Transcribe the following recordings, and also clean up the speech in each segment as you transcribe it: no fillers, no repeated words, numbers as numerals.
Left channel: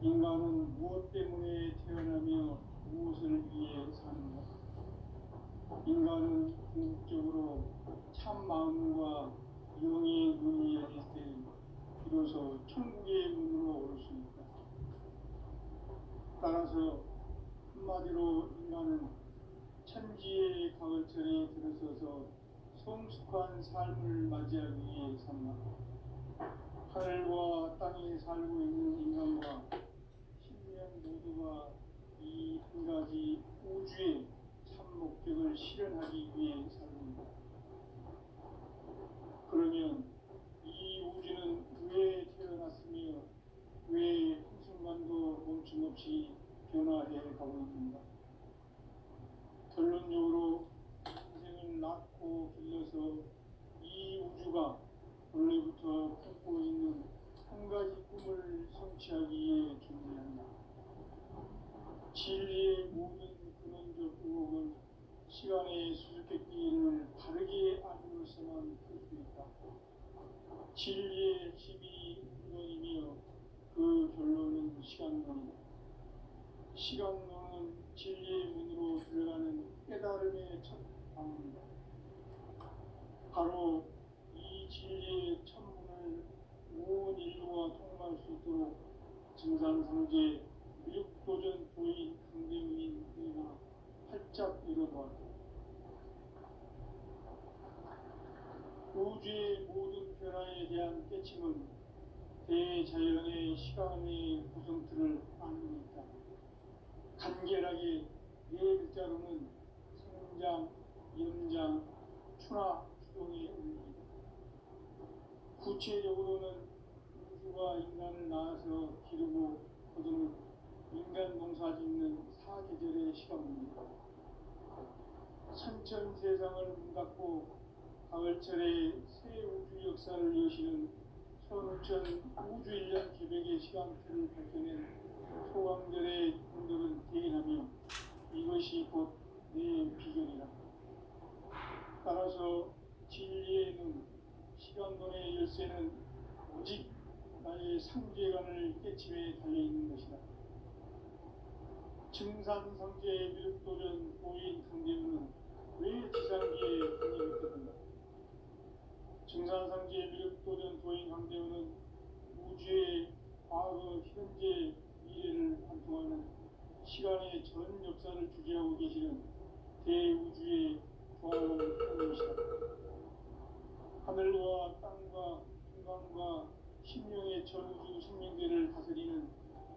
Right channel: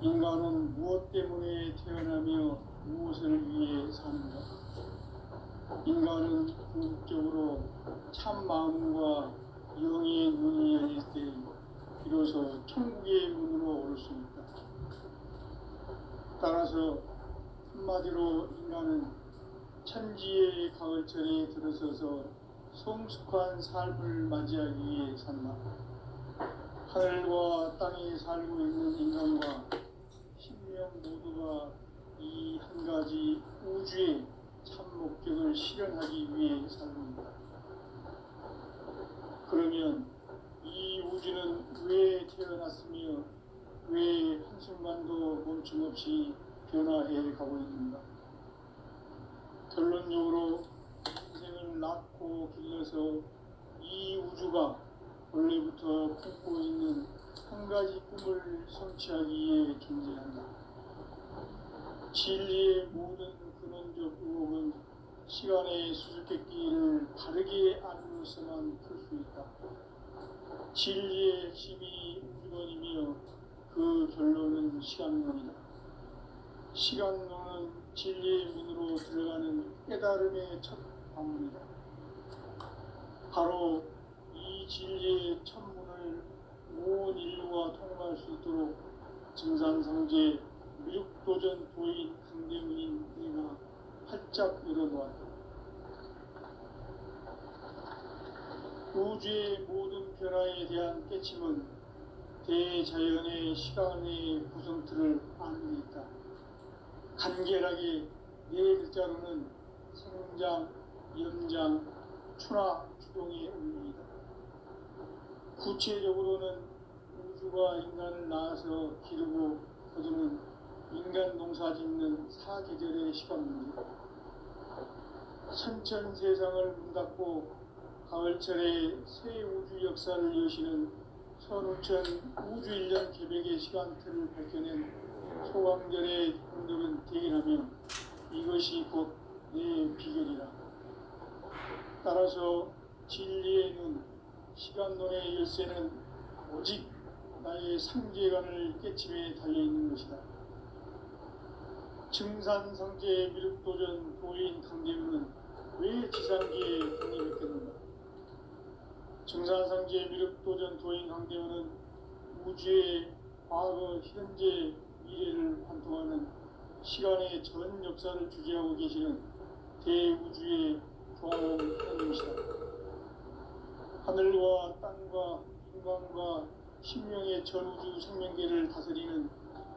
인간은 무엇 때문에 태어나며 무엇을 위해 사는가? 인간은 궁극적으로 참 마음과 영의 눈이 열릴 때 비로소 천국의 문으로 올 수 있다. 따라서 한마디로 인간은 천지의 가을철에 들어서서 성숙한 삶을 맞이하기 위해 산다. 하늘과 땅에 살고 있는 인간과 신명 모두가 이 한 가지 우주의 참 목적을 실현하기 위해 살고 있다. 그러면 이 우주는 왜 태어났으며 왜 한순간도 멈춤없이 변화해 가고 있는가? 결론적으로 인생을 낳고 길러서 이 우주가 원래부터 품고 있는 한 가지 꿈을 성취하기 위해 존재한다. 진리의 모든 근원적 의혹은 시간의 수수께끼를 바르게 알고서만 풀 수 있다. 진리의 핵심이 우주론이며 그 결론은 시간론이다. 시간론은 진리의 문으로 들어가는 깨달음의 첫 방문이다. 바로 이 진리의 첫 문을 온 인류가 통과할 수 있도록 증산성제 미륵도전 도인 강대문인 내가 활짝 열어놓았다. 우주의 모든 변화에 대한 깨침은 대자연의 시간의 구성틀을 아는 데 있다. 간결하게 네 글자로는 생장, 연장, 추나 추동의 의미이다. 구체적으로는 우주가 인간을 낳아서 기르고 거두는 인간 농사 짓는 사계절의 시간 문제다. 선천 세상을 문 닫고 가을철에 새 우주 역사를 여시는 선우천 우주 1년 계백의 시간틀을 밝혀낸 소강절의 분들은 대인하며 이것이 곧 내 비결이라. 따라서 진리의 눈, 시간론의 열쇠는 오직 나의 상제관을 깨침에 달려있는 것이다. 증산성제 미륵도전 도인 강대문은 왜 지상기에 독립했겠는가? 증산성제 미륵도전 도인 강대문은 우주의 과거, 현재, 미래를 관통하는 시간의 전 역사를 주재하고 계시는 대우주의 조항원님이시다. 하늘과 땅과 인간과 신명의 전우주 생명계를 다스리는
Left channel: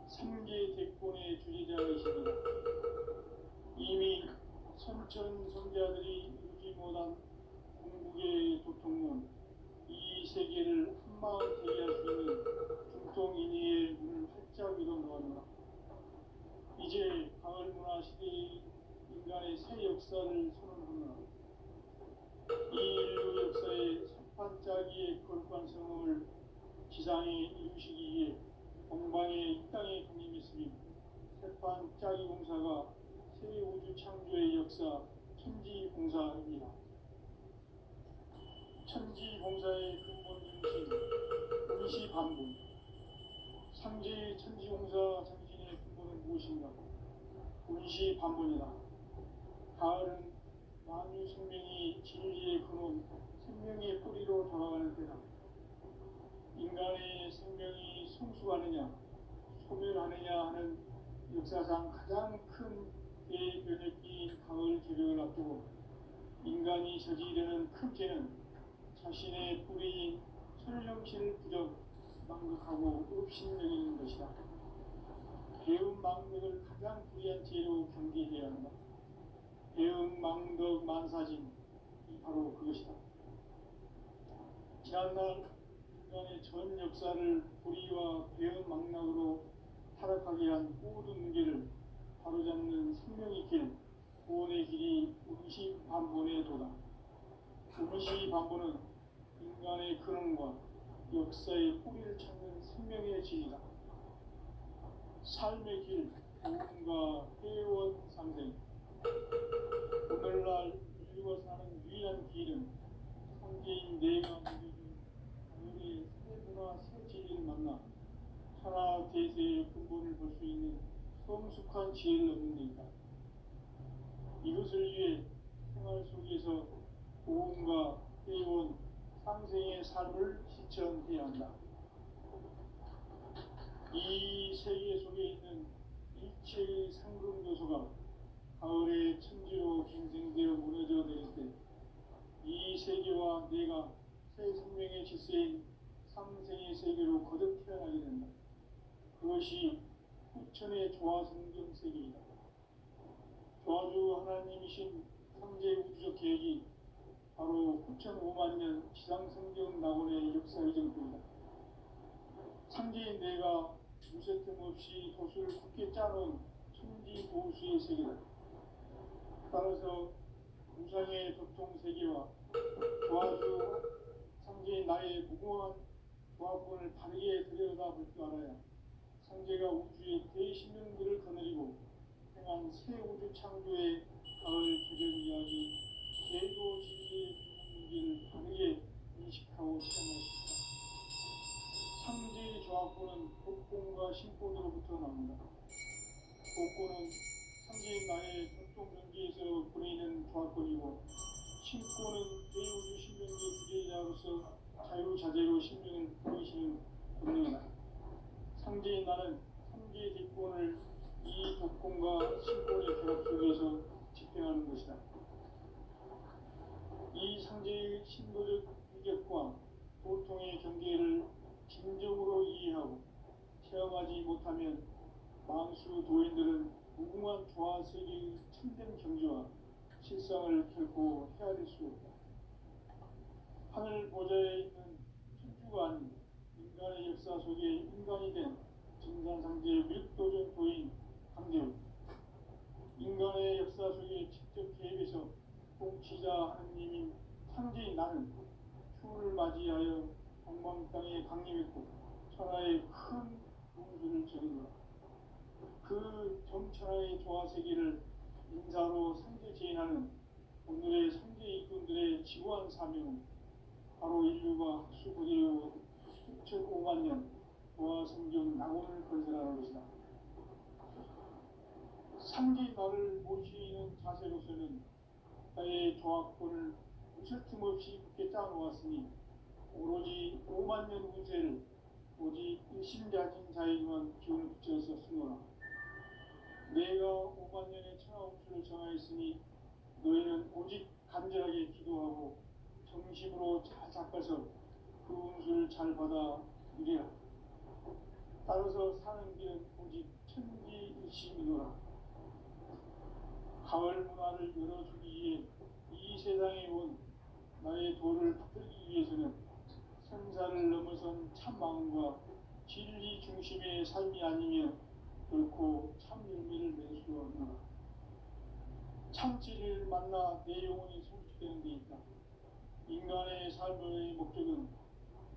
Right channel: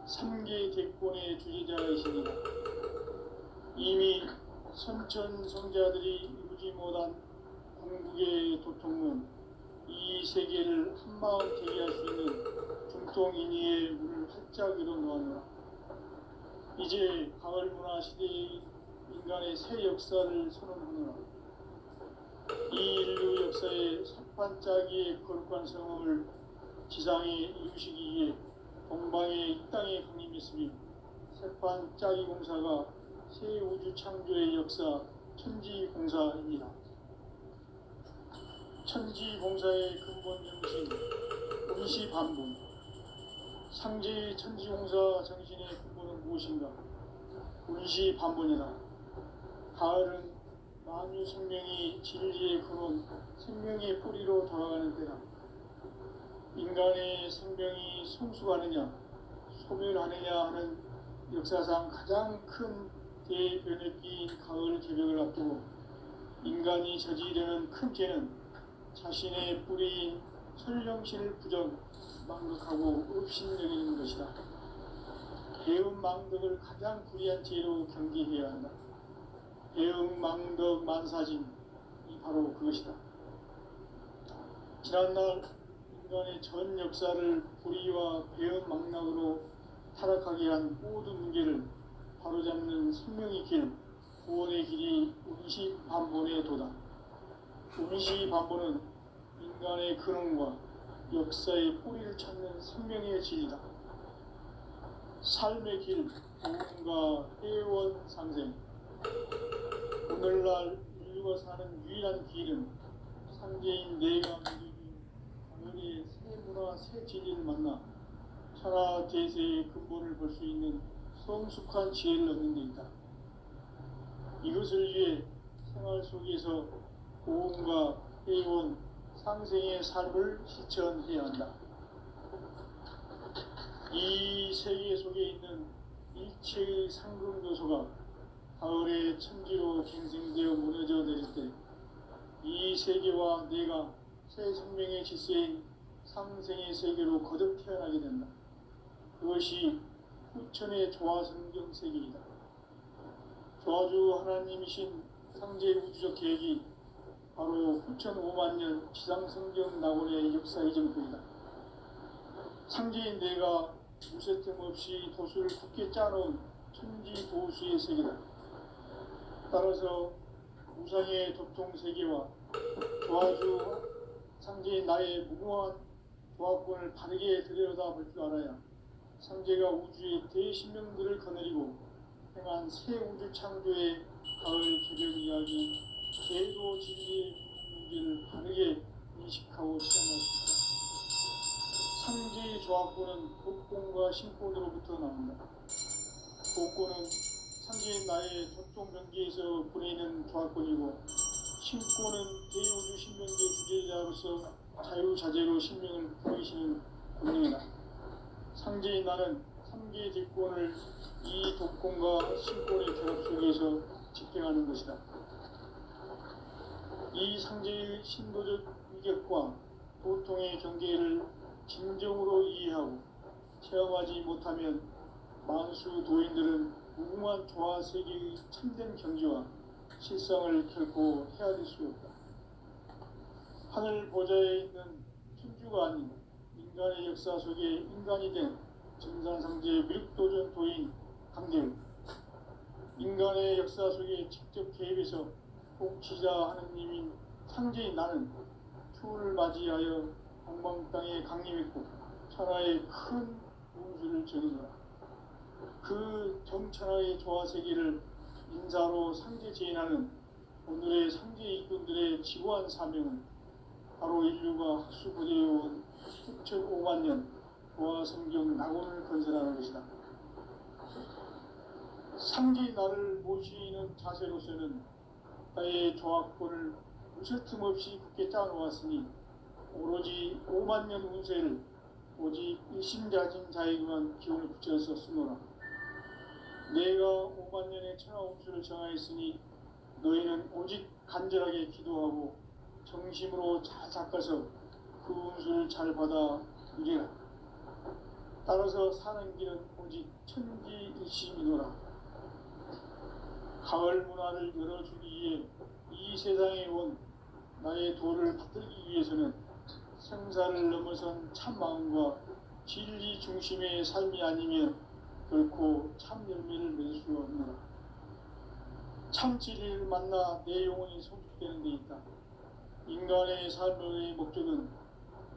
3개 대권의 주재자이십니다. 이미 선천성자들이 이루지 못한 궁극의 도통은 이 세계를 한마음 대리할 수 있는 중통인의의 문을 활짝 열어놓았노라. 이제 가을문화 시대의 인간의 새 역사를 선언하노라. 이 인류 역사의 첫 반짝이의 거룩한 성험을 지상에 이루시기 위해 동방의 이 땅에 강림했으며 새반짝이 공사가 새 우주 창조의 역사 천지공사입니다. 천지공사의 근본 정신 운시반본. 상제의 천지공사 정신의 근본은 무엇인가? 운시반본이다. 가을은 만유 생명이 진리의 근원, 생명의 뿌리로 돌아가는 때다. 인간의 생명이 성숙하느냐, 소멸하느냐 하는 역사상 가장 큰 대변혁기인 가을 개벽을 앞두고 인간이 저지르는 큰 죄는 자신의 뿌리인 설령신을 부정, 망덕하고 업신여기는 것이다. 배움 망덕을 가장 불의한 죄로 경계해야 한다. 배움 망덕 만사짐이 바로 그것이다. 지난날 인간의 전 역사를 불의와 배움 망락으로 타락하게 한 모든 문제를 바로잡는 생명의 길, 구원의 길이 운시반본의 도다. 운시반본은 인간의 근원과 역사의 뿌리를 찾는 생명의 진리다. 삶의 길, 보험과 회원 상생. 오늘날 인류가 사는 유일한 길은 상제인 내가 누리는 하늘의 새 문화, 새 진리를 만나 천하 조화 대세의 근본을 볼 수 있는 성숙한 지혜를 얻는 데 있다. 이것을 위해 생활 속에서 고음과 해온 상생의 삶을 실천해야 한다. 이 세계 속에 있는 일체의 상급 요소가 가을의 천지로 갱생되어 무너져 내릴 때 이 세계와 내가 새 생명의 질서인 상생의 세계로 거듭 태어나게 된다. 그것이 후천의 조화성경 세계이다. 조화주 하나님이신 상제의 우주적 계획이 바로 후천 5만 년 지상성경 낙원의 역사의 전부이다. 상제인 내가 무쇠틈 없이 도수를 굳게 짜놓은 천지 도수의 세계다. 따라서 우상의 도통 세계와 조화주 상제인 나의 무궁한 조화권을 바르게 들여다볼 줄 알아야 상제가 우주의 대신명들을 거느리고 행한 새 우주 창조의 가을 개별 이야기 제도 진리의 문제를 바르게 인식하고 체험할 수 있다. 상제의 조화권은 복권과 신권으로부터 나온다. 복권은 상제인 나의 접종 경계에서 보내는 조화권이고 신권은 대우주 신명계 주제자로서 자유자재로 신명을 보이시는 권능이다. 상제인 나는 3개의 직권을 이 독권과 신권의 결합 속에서 집행하는 것이다. 이 상제의 신도적 위격과 도통의 경계를 진정으로 이해하고 체험하지 못하면 만수 도인들은 무궁한 조화 세계의 참된 경지와 실상을 결코 헤아릴 수 없다. 하늘 보좌에 있는 천주가 아닌 인간의 역사 속에 인간이 된 증산상제의 밀도전 도인 강대우, 인간의 역사 속에 직접 개입해서 통치자 하느님인 상제인 나는 추운을 맞이하여 동방 땅에 강림했고 천하의 큰 운수를 전이노라. 그 정천하의 조화세계를 인사로 상제 제인하는 오늘의 상제 이꾼들의 지고한 사명은 바로 인류가 학수고대해온 9,5만 년 조화성경 낙원을 건설하는 것이다. 상제인 나를 모시는 자세로서는 나의 조화권을 무쇠 틈 없이 굳게 짜놓았으니 오로지 5만 년 운세를 오직 일심자진 자에게만 기운을 붙여서 쓰노라. 내가 5만 년의 천하운수를 정하였으니 너희는 오직 간절하게 기도하고 정심으로 잘 닦아서 그 운수를 잘 받아 누리라. 따라서 사는 길은 오직 천지일심이노라. 가을 문화를 열어주기 위해 이 세상에 온 나의 도를 받들기 위해서는 생사를 넘어선 참 마음과 진리 중심의 삶이 아니면 결코 참 열매를 맺을 수 없노라. 참 진리를 만나 내 영혼이 성숙되는 데 있다. 인간의 삶의 목적은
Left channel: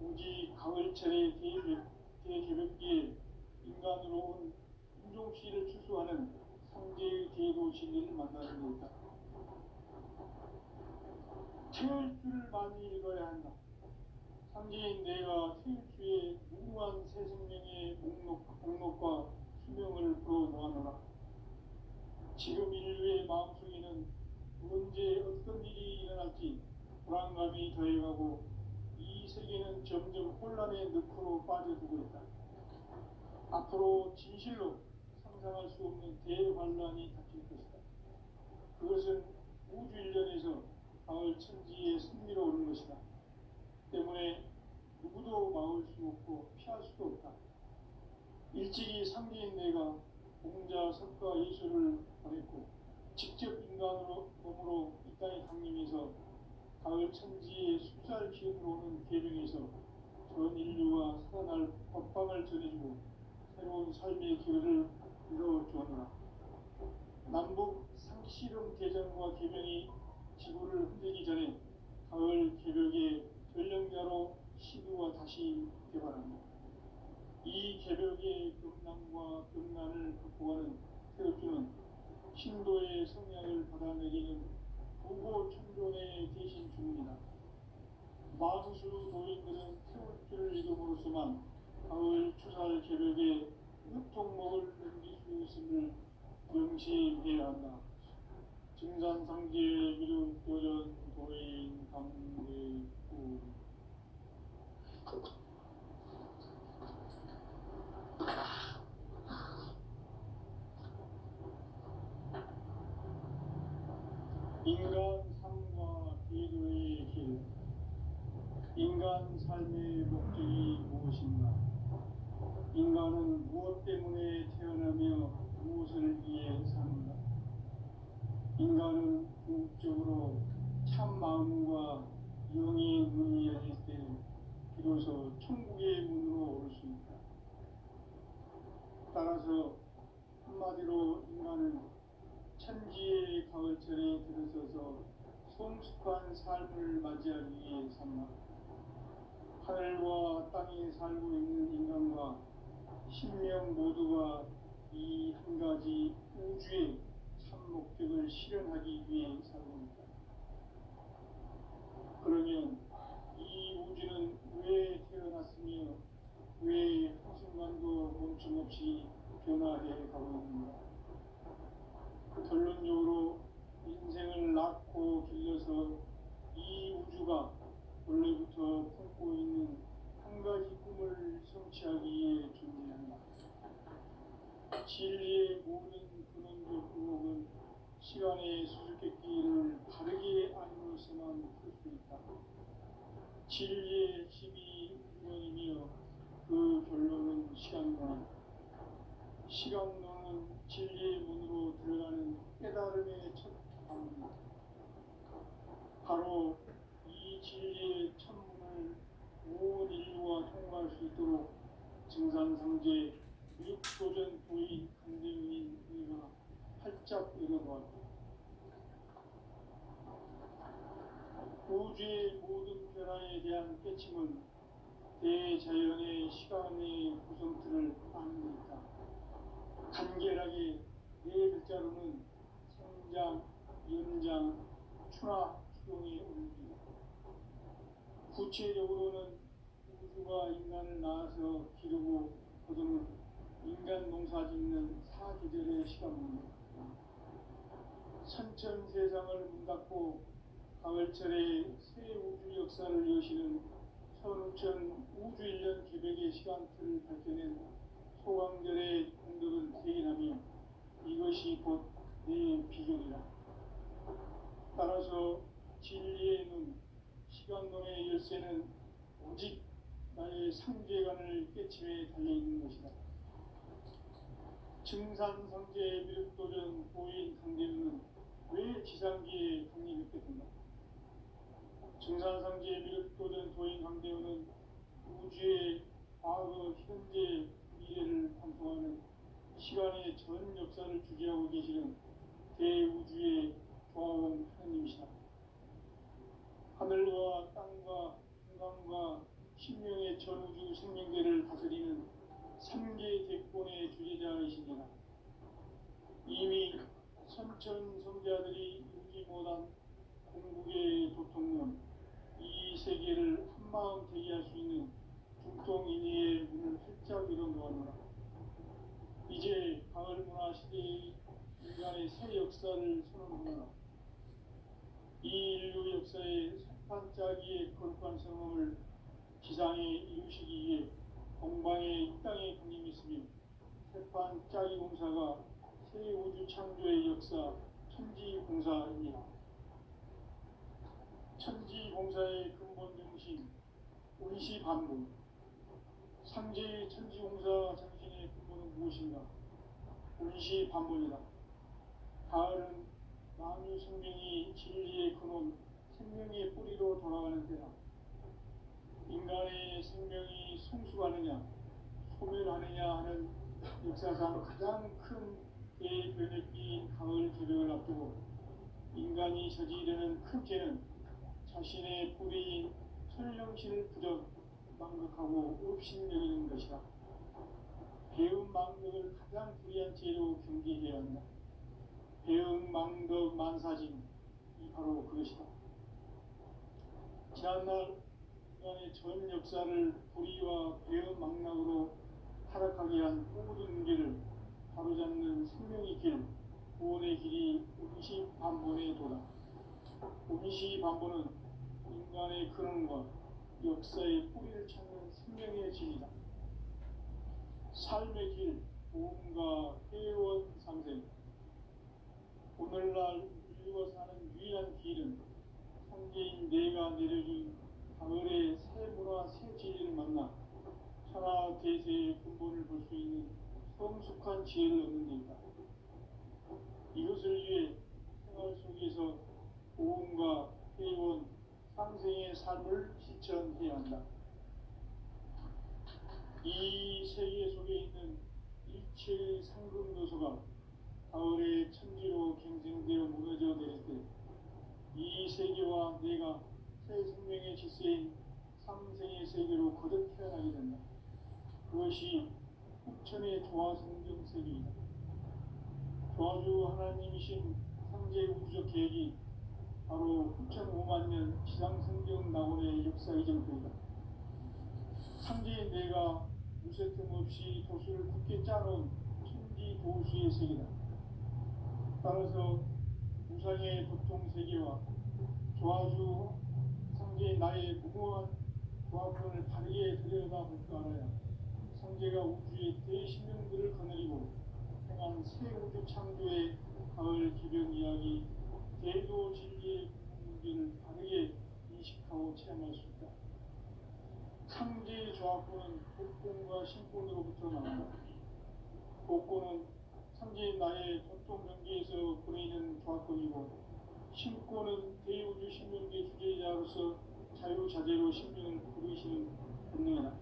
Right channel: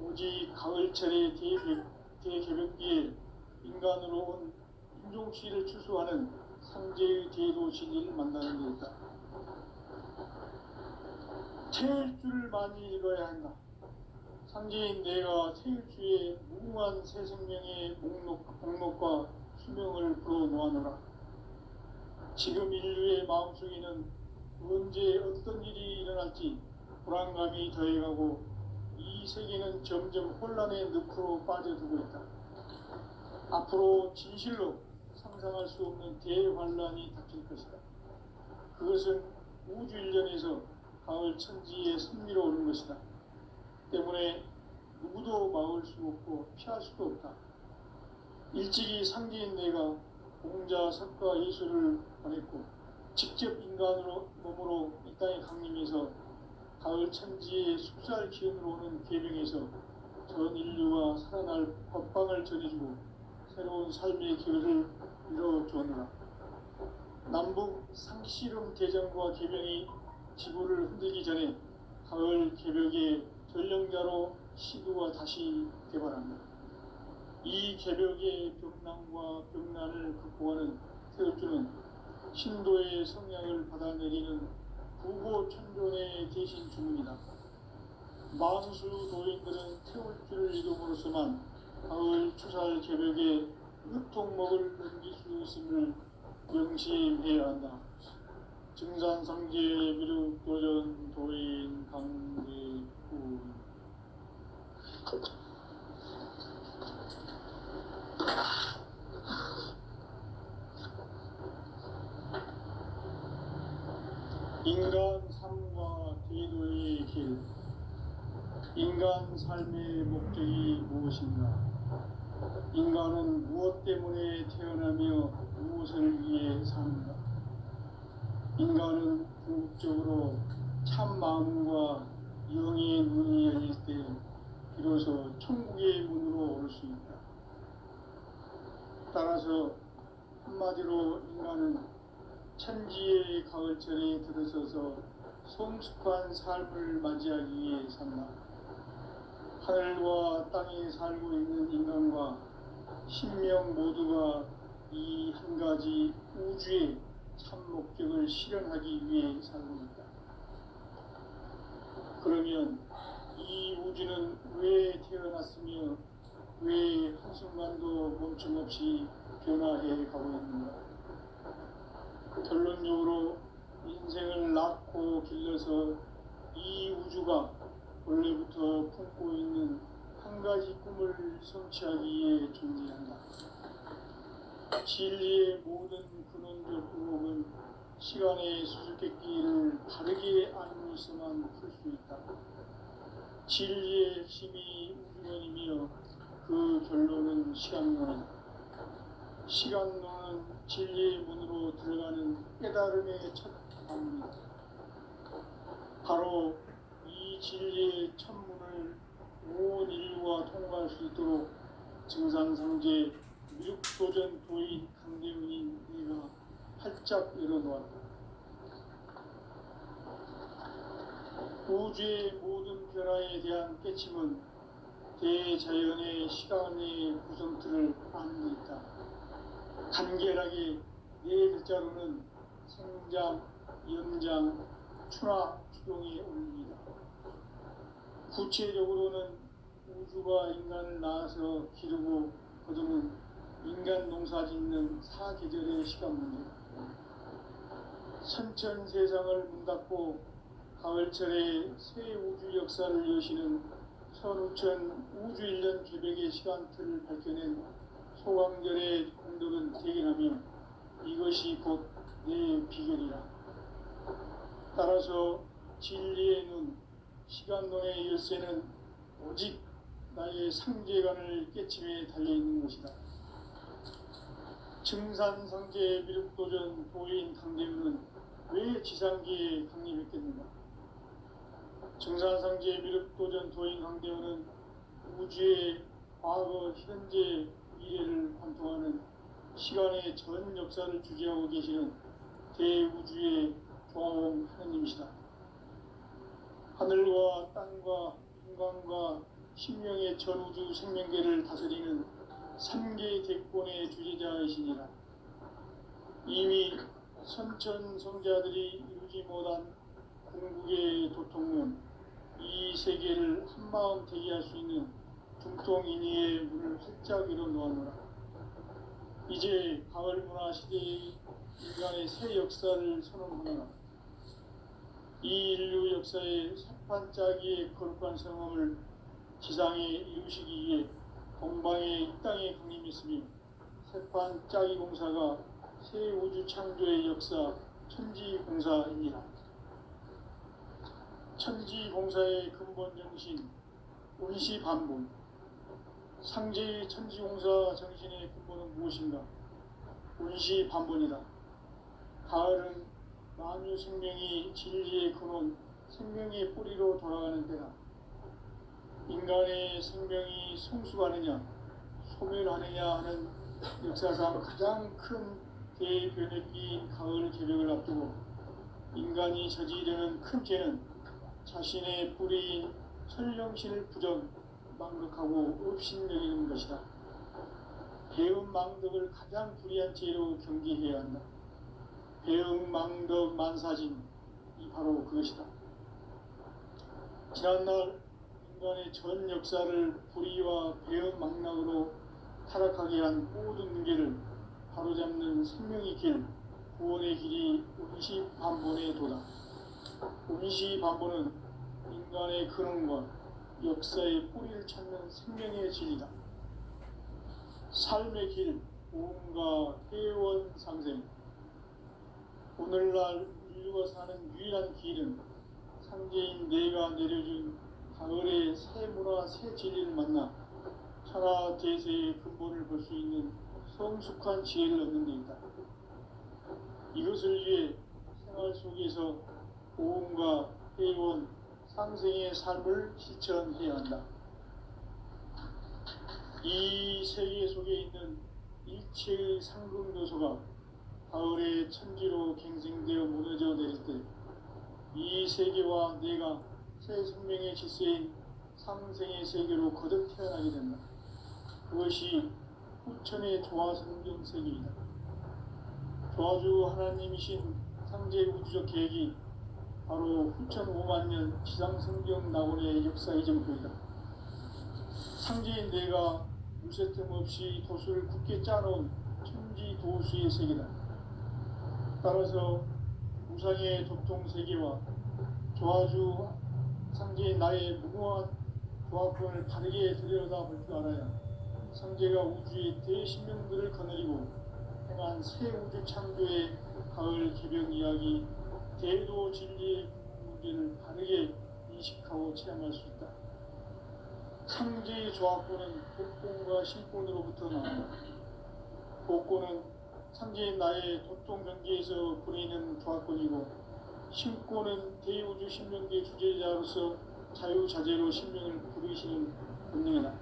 오직 가을철의 대개벽기에 인간으로 온 인종시를 추수하는 상제의 대도 진리를 만나는 데 있다. 태일주를 많이 읽어야 한다. 상제인 내가 태일주의 무궁한 새 생명의 목록과 수명을 불어놓아노라. 지금 인류의 마음속에는 언제 어떤 일이 일어날지 불안감이 더해가고 이 세계는 점점 혼란의 늪으로 빠져들고 있다. 앞으로 진실로 상상할 수 없는 대환란이 닥칠 것이다. 그것은 우주 일련에서 가을 천지에 승리로 오는 것이다. 때문에 누구도 막을 수 없고 피할 수도 없다. 일찍이 상제인 내가 공자, 석가, 예수를 보냈고 직접 인간으로 몸으로 이 땅에 강림해서 가을 천지의 숲살 기운으로 오는 계명에서 전 인류가 살아날 법방을 전해주고 새로운 삶의 기회를 이뤄주었노라. 남북 상씨름 대전과 계명이 지구를 흔들기 전에 가을 개벽의 전령자로 시도가 다시 개발합니다. 이 개벽의 병난과 병난을 극복하는 태울주는 신도의 성향을 받아내리는 부고천존의 대신 주문이다. 만수 도인들은 태울주를 이름으로서만 가을 추살 개벽에 흙통목을 넘길 수 있음을 명심해야 한다. 증산상계 미륵 도전 도인 강대구. 인간 삶과 대도의 길. 인간 삶의 목적이 무엇인가? 인간은 무엇 때문에 태어나며 무엇을 위해 사는가? 인간은 궁극적으로 참 마음과 영의 눈이 열릴 때 비로소 천국의 문으로 올 수 있다. 따라서 한마디로 인간은 천지의 가을철에 들어서서 성숙한 삶을 맞이하기 위해 산다. 하늘과 땅에 살고 있는 인간과 신명 모두가 이 한 가지 우주의 참 목적을 실현하기 위해 살고 있다. 그러면 이 우주는 왜 태어났으며 왜 한순간도 멈춤없이 변화해 가고 있는가? 결론적으로 인생을 낳고 길러서 이 우주가 원래부터 품고 있는 한 가지 꿈을 성취하기 위해 존재한다. 진리의 모든 근원적 의혹은 시간의 수수께끼를 바르게 알고 있어만 풀 수 있다. 진리의 핵심이 우주론이며 그 결론은 시간론이다. 시간론은 진리의 문으로 들어가는 깨달음의 첫 방문이다. 바로 이 진리의 천문을 온 인류가 통과할 수 있도록 증산상제 미륵도전 도인 강대훈인 네가 활짝 열어놓았다. 우주의 모든 변화에 대한 깨침은 대자연의 시간의 구성틀을 아는 데 있다. 간결하게 네 글자로는 생장, 연장, 추락, 추동의 원리이다. 구체적으로는 우주가 인간을 낳아서 기르고 거두는 인간 농사 짓는 사계절의 시간 문제다. 선천 세상을 문 닫고 가을철에 새 우주 역사를 여시는 선우천 우주 1년 개벽의 시간틀을 밝혀낸 소강절의 공덕은 대견하며 이것이 곧 내 비결이라. 따라서 진리의 눈, 시간론의 열쇠는 오직 나의 상계관을 깨침에 달려있는 것이다. 증산상계 미륵도전 도인 강대훈은 왜 지상계에 강림했겠는가? 증산상계 미륵도전 도인 강대훈은 우주의 과거, 현재, 미래를 관통하는 시간의 전 역사를 주재하고 계시는 대우주의 조화홍 하느님이시다. 하늘과 땅과 인간과 신명의 전우주 생명계를 다스리는 3계 대권의 주재자이시니라. 이미 선천성자들이 이루지 못한 궁극의 도통문, 이 세계를 한마음 대기할 수 있는 중통인의의 문을 활짝 열어놓았노라. 이제 가을 문화 시대의 인간의 새 역사를 선언하노라. 이 인류 역사의 새판짜기의 거룩한 성함을 지상에 이루시기 위해 동방의 이 땅에 강림했으며 새판짜기 공사가 새 우주 창조의 역사 천지공사입니다. 천지공사의 근본 정신 운시반본. 상제의 천지공사 정신의 근본은 무엇인가? 운시반본이다. 가을은 만유 생명이 진리의 근원, 생명의 뿌리로 돌아가는 때다. 인간의 생명이 성숙하느냐, 소멸하느냐 하는 역사상 가장 큰 대변혁기인 가을 개벽을 앞두고 인간이 저지르는 큰 죄는 자신의 뿌리인 설령신을 부정, 망덕하고 업신여기는 것이다. 배움 망덕을 가장 불의한 죄로 경계해야 한다. 배움 망덕 만사진, 이 바로 그것이다. 지난날 인간의 전 역사를 불의와 배은망락으로 타락하게 한 모든 문제를 바로잡는 생명의 길, 구원의 길이 운시반본에 도다. 운시반본은 인간의 근원과 역사의 뿌리를 찾는 생명의 진리다. 삶의 길, 보험과 회원 상생. 오늘날 인류가 사는 유일한 길은 상제인 내가 내려준 가을의 새 문화 새 진리를 만나 천하 대세의 근본을 볼 수 있는 성숙한 지혜를 얻는 데 있다. 이것을 위해 생활 속에서 보험과 회원 상생의 삶을 실천해야 한다. 이 세계 속에 있는 일체의 상금도소가 가을의 천지로 갱생되어 무너져 내릴 때 이 세계와 내가 새 생명의 질서인 상생의 세계로 거듭 태어나게 된다. 그것이 후천의 조화성경 세계이다. 조화주 하나님이신 상제 우주적 계획이 바로 후천 5만 년 지상성경 낙원의 역사 이전부이다. 상제인 내가 무쇠 틈 없이 도수를 굳게 짜놓은 천지 도수의 세계다. 따라서 우상의 도통 세계와 조화주 상제인 나의 무궁한 조합권을 바르게 들여다볼 줄 알아야 상제가 우주의 대신명들을 거느리고 행한 새 우주 창조의 가을 개벽 이야기 대도 진리의 문제를 바르게 인식하고 체험할 수 있다. 상제의 조합권은 복권과 신권으로부터 나온다. 복권은 상제인 나의 도통 경계에서 부리는 조합권이고, 신권은 대우주 신명계 주제자로서 자유자재로 신명을 부르시는 본능이다.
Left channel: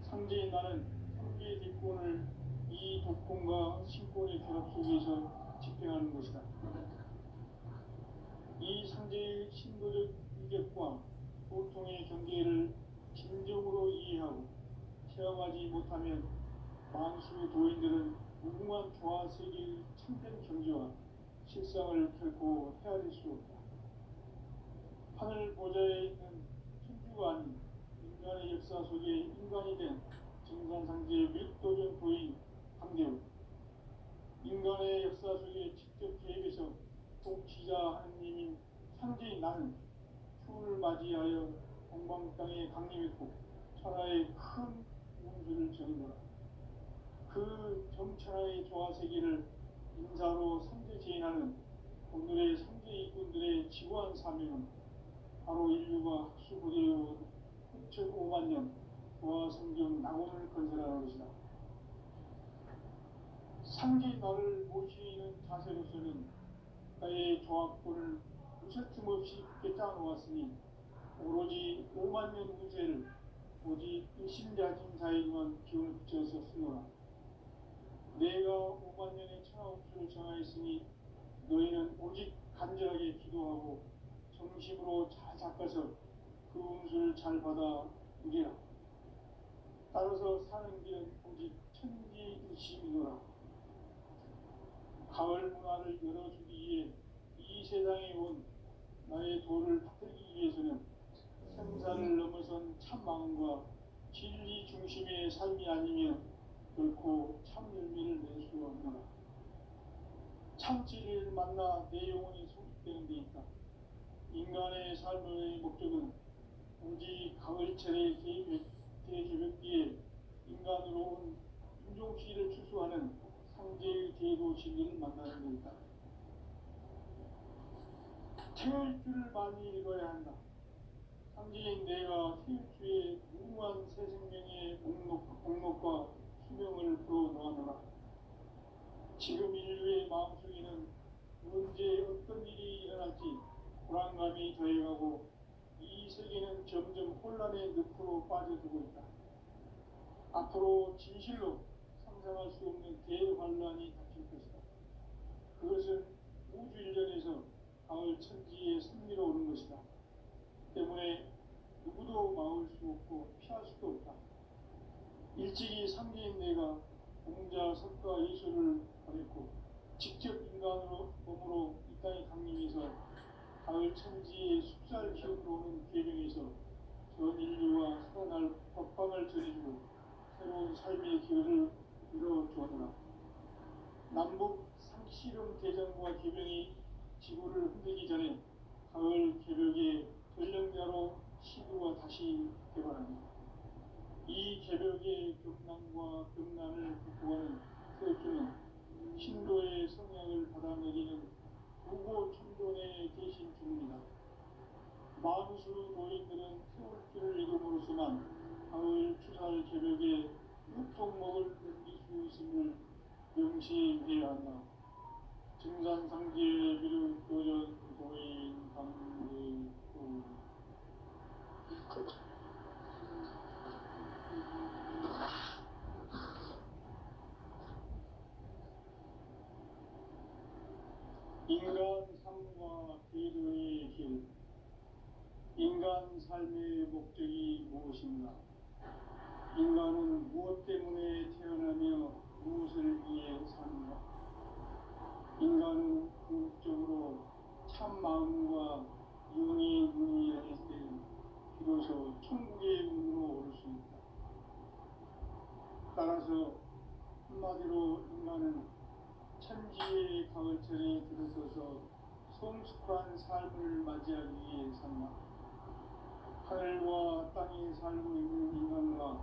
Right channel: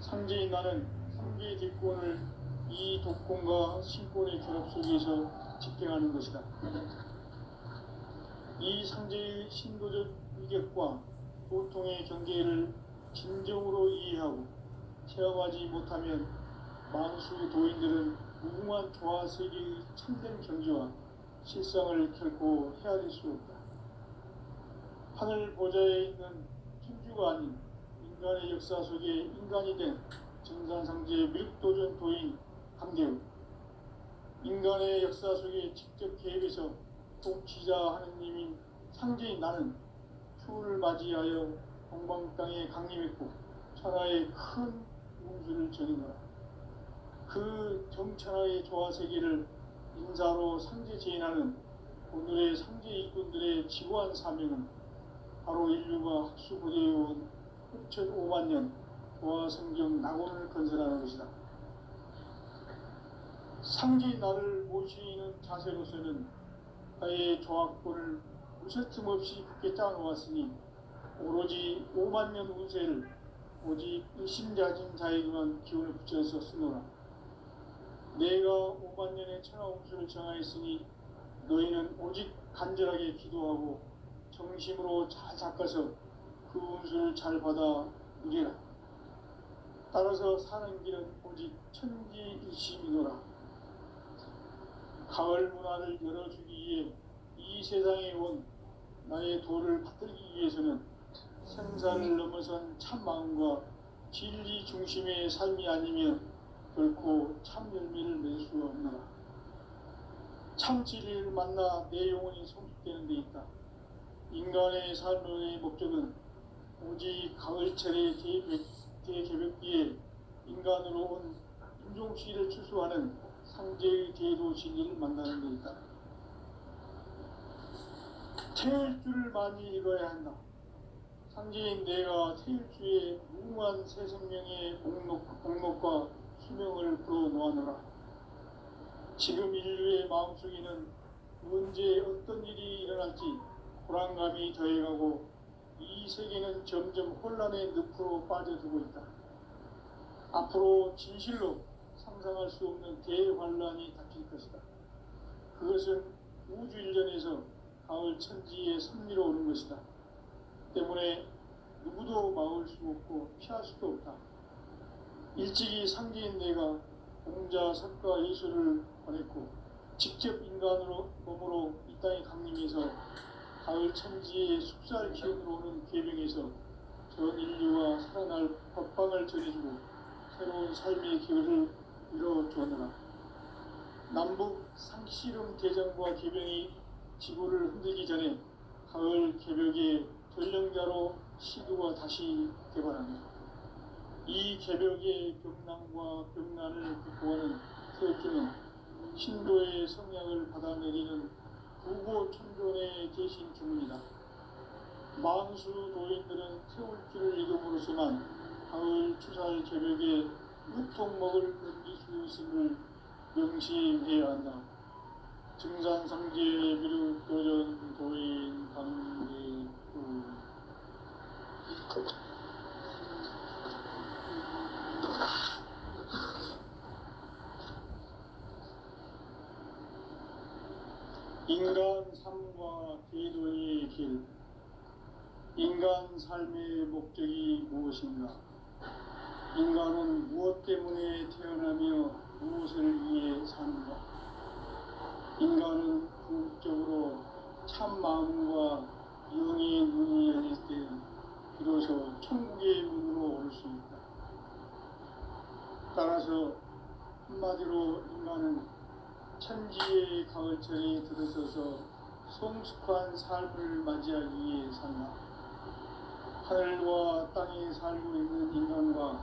상제인 나는 상계의 뒷권을 이 독권과 신권의 결합 속에서 집행하는 것이다. 이 상제의 신도적 위격과 고통의 경계를 진정으로 이해하고 체험하지 못하면 만수 도인들은 무궁한 조화세계의 참된 경지와 실상을 결코 헤아릴 수 없다. 하늘 보좌에 있는 천주가 아닌 인간의 역사 속에 인간이 된 정산상제의 밀도전 도인 강대우, 인간의 역사 속에 직접 개입해서 통치자 하느님인 상제인 나는 추후를 맞이하여 동방 땅에 강림했고 천하의 큰 운수를 전인 거라. 그 정천하의 조화세계를 인사로 상제 제인하는 오늘의 상제 일꾼들의 지구한 사명은 바로 인류가 학수고대해온 후천 5만 년 조화성경 낙원을 건설하는 것이다. 상제인 나를 모시는 자세로서는 나의 조합권을 무쇠틈 없이 굳게 짜놓았으니 오로지 5만 년 운세를 오직 일심자진 자에게만 기운을 붙여서 쓰노라. 내가 5만 년의 천하 운수를 정하였으니 너희는 오직 간절하게 기도하고 정심으로 잘 닦아서 그 운수를 잘 받아 누리라. 따라서 사는 길은 오직 천지일심이노라. 가을 문화를 열어주기 위해 이 세상에 온 나의 도를 받들기 위해서는 생사를 넘어선 참 마음과 진리 중심의 삶이 아니면 결코 참 열매를 맺을 수가 없노라. 참 진리를 만나 내 영혼이 성숙되는 데 있다. 인간의 삶의 목적은 오직 가을철의 대개벽기에 인간으로 온 인종시를 추수하는 상제의 대도 진리를 만나는 데 있다. 태일주를 많이 읽어야 한다. 상제인 내가 태일주의 무궁한 새 생명의 목록과 수명을 풀어놓아노라. 지금 인류의 마음속에는 언제 어떤 일이 일어날지 불안감이 더해가고 이 세계는 점점 혼란의 늪으로 빠져들고 있다. 앞으로 진실로 상상할 수 없는 대환란이 닥칠 것이다. 그것은 우주 일전에서 가을 천지의 섭리로 오는 것이다. 때문에 누구도 막을 수 없고 피할 수도 없다. 일찍이 상제인 내가 공자, 석가, 예수를 보냈고 직접 인간으로 몸으로 이 땅에 강림해서 가을 천지의 숲살 기운으로 오는 계명에서 전 인류가 살아날 법방을 전해주고 새로운 삶의 기회를 이뤄주었노라. 남북 상씨름 대전과 개병이 지구를 흔들기 전에 가을 개벽의 전령자로 시도가 다시 개발합니다. 이 개벽의 벽난과 벽난을 극복하는 태극기는 신도의 성향을 받아내리는 부고천존에 계신 주문이다. 망수 노인들은 태울길을 읽음으로써만 가을 추살 개벽에 으통 먹을 넘길 수 있음을 명시해야 한다. 증산상계 비루 도전 도인 강대구 인간 삶과 궤도의 길. 인간 삶의 목적이 무엇인가? 인간은 무엇 때문에 태어나며 무엇을 위해 사는가? 인간은 궁극적으로 참 마음과 영의 눈이 열릴 때 비로소 천국의 문으로 올 수 있다. 따라서 한마디로 인간은 천지의 가을철에 들어서서 성숙한 삶을 맞이하기 위해 산다. 하늘과 땅에 살고 있는 인간과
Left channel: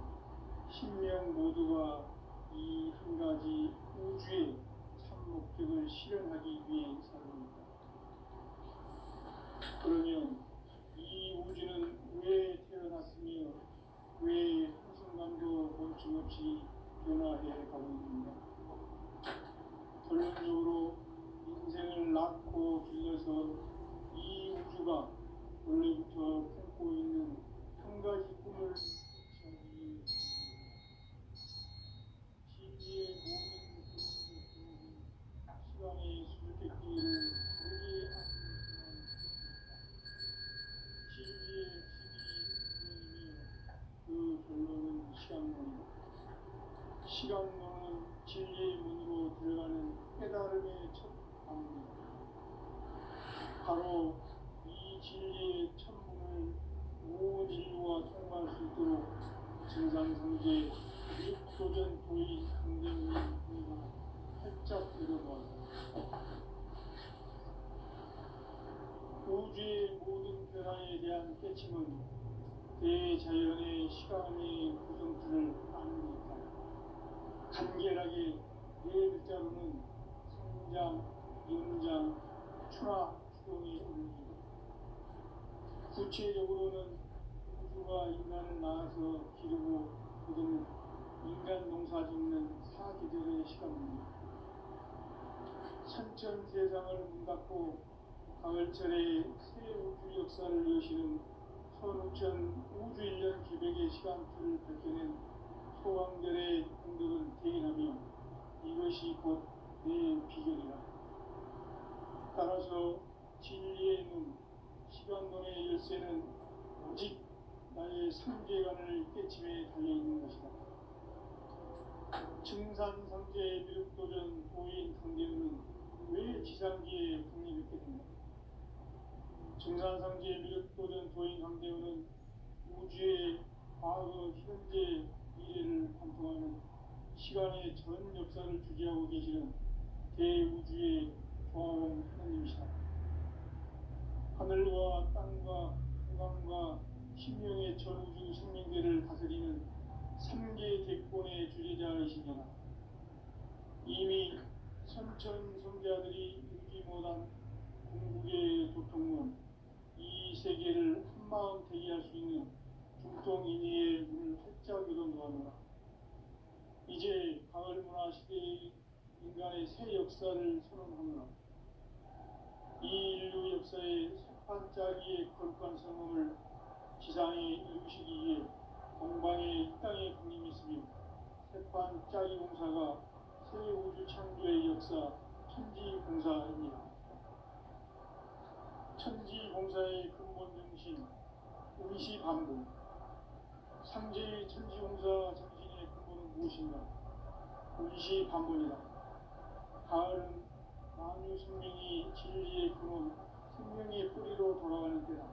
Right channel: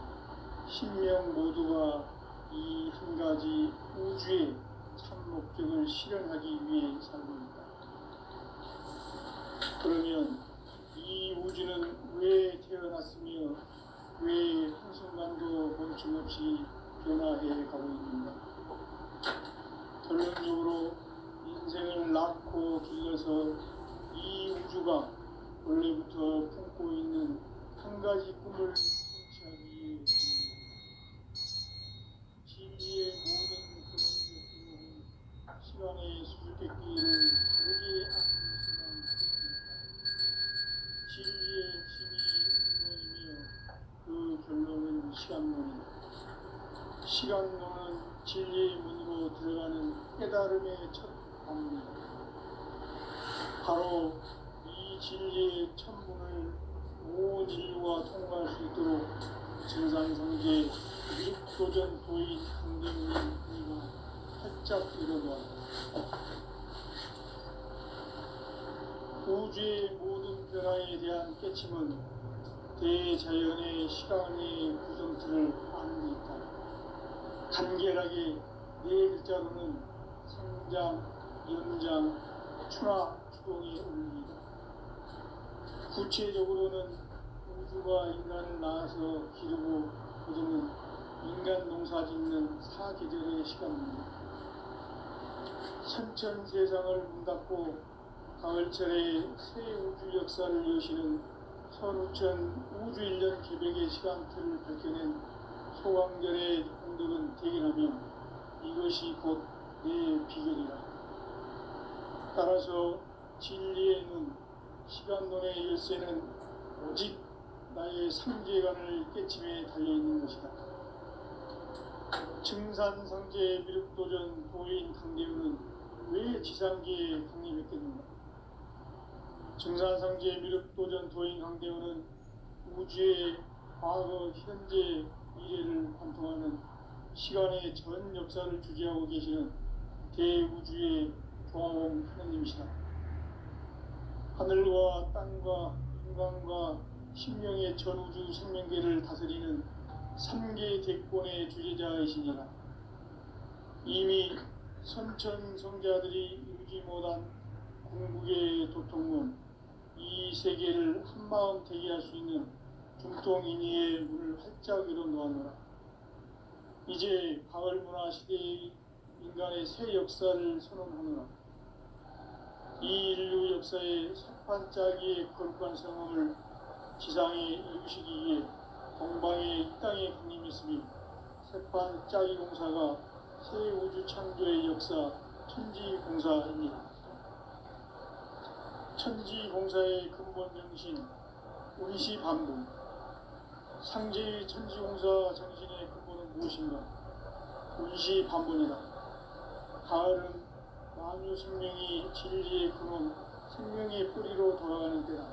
신명 모두가 이 한 가지 우주의 참 목적을 실현하기 위해 살고 있다. 그러면 이 우주는 왜 태어났으며 왜 한순간도 멈춤없이 변화해 가고 있는가? 결론적으로 인생을 낳고 길러서 이 우주가 원래부터 품고 있는 한 가지 꿈을 성취하기 위해 진리의 모든 그런 목표는 시간의 수수께끼를 다르게 하고 있으면 진리의 힘이 근원이며 그 결론은 시간론이다. 시간론은 진리의 문으로 들어가는 깨달음의 첫 방문이다. 바로 이 진리의 천문을 온 인류가 통과할 수 있도록 증산성제 육도전 도인 강대훈의 의가 활짝 일어나다. 우주의 모든 변화에 대한 깨침은 대자연의 시간의 구성틀을 아는 데 있다. 간결하게 네 글자로는 성장, 연장, 추나 추동의 원리이다. 구체적으로는 우주가 인간을 낳아서 기르고 거두는 인간 농사 짓는 사계절의 시간입니다. 선천 세상을 문 닫고 가을철에 새 우주 역사를 여시는 선우천 우주 1년 개벽의 시간틀을 밝혀낸 소왕절의 공덕은 대견하며 이것이 곧 내 비결이라. 따라서 진리의 눈, 시간론의 열쇠는 오직 나의 삼계관을 깨침에 달려있는 것이다. 증산성제 미륵도전 도인 강대훈은 왜 지상계에 강림했겠는가? 증산성제 미륵도전 도인 강대훈은 우주의 과거, 현재, 미래를 관통하는 시간의 전 역사를 주재하고 계시는 대우주의 조화공 하느님이시다. 하늘과 땅과 인간과 신명의 전우주 생명계를 다스리는 3계 대권의 주재자이시니라. 이미 선천 성자들이 이루지 못한 궁극의 도통문, 이 세계를 한마음 대기할 수 있는 중통인의의 문을 활짝 열어놓았노라. 이제 가을 문화 시대의 인간의 새 역사를 선언하노라. 이 인류 역사의 석판짜기의 거룩한 성함을 지상에 이루시기 위해 동방의 이 땅에 강림했으며 석판짜기 공사가 새 우주 창조의 역사 천지공사입니다. 천지공사의 근본 정신 운시반복. 상제의 천지공사 정신의 근본은 무엇인가? 운시반복이다. 가을은 만유 생명이 진리의 근원, 생명의 뿌리로 돌아가는 때다.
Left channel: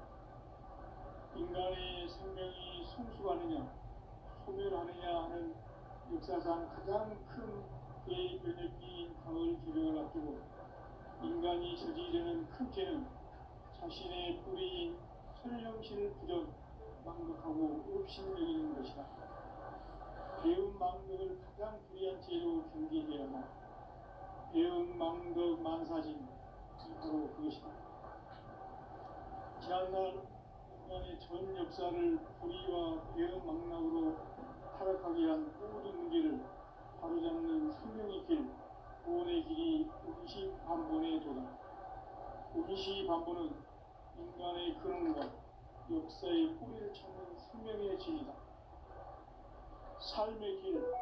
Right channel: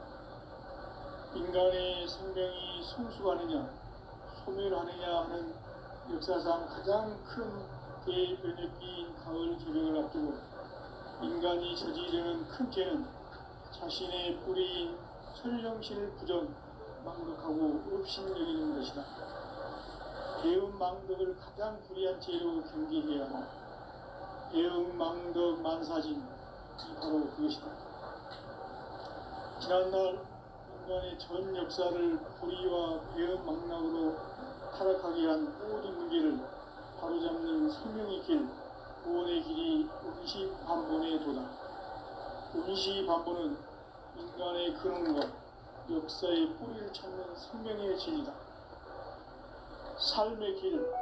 인간의 생명이 성숙하느냐 소멸하느냐 하는 역사상 가장 큰 대변혁기인 가을 개벽을 앞두고 인간이 저지르는 큰 죄는 자신의 뿌리인 설령신을 부정 망덕하고 업신여기는 것이다. 배음 망덕을 가장 불의한 죄로 경계해야 한다. 배음 망덕 만사진이 바로 그것이다. 지난날 인간의 전 역사를 불의와 배음 망락으로 타락하게 한 모든 문제를 바로잡는 생명의 길, 구원의 길이 운시반본에 도다. 운시반본은 인간의 근원과 역사의 뿌리를 찾는 생명의 진리다. 삶의 길,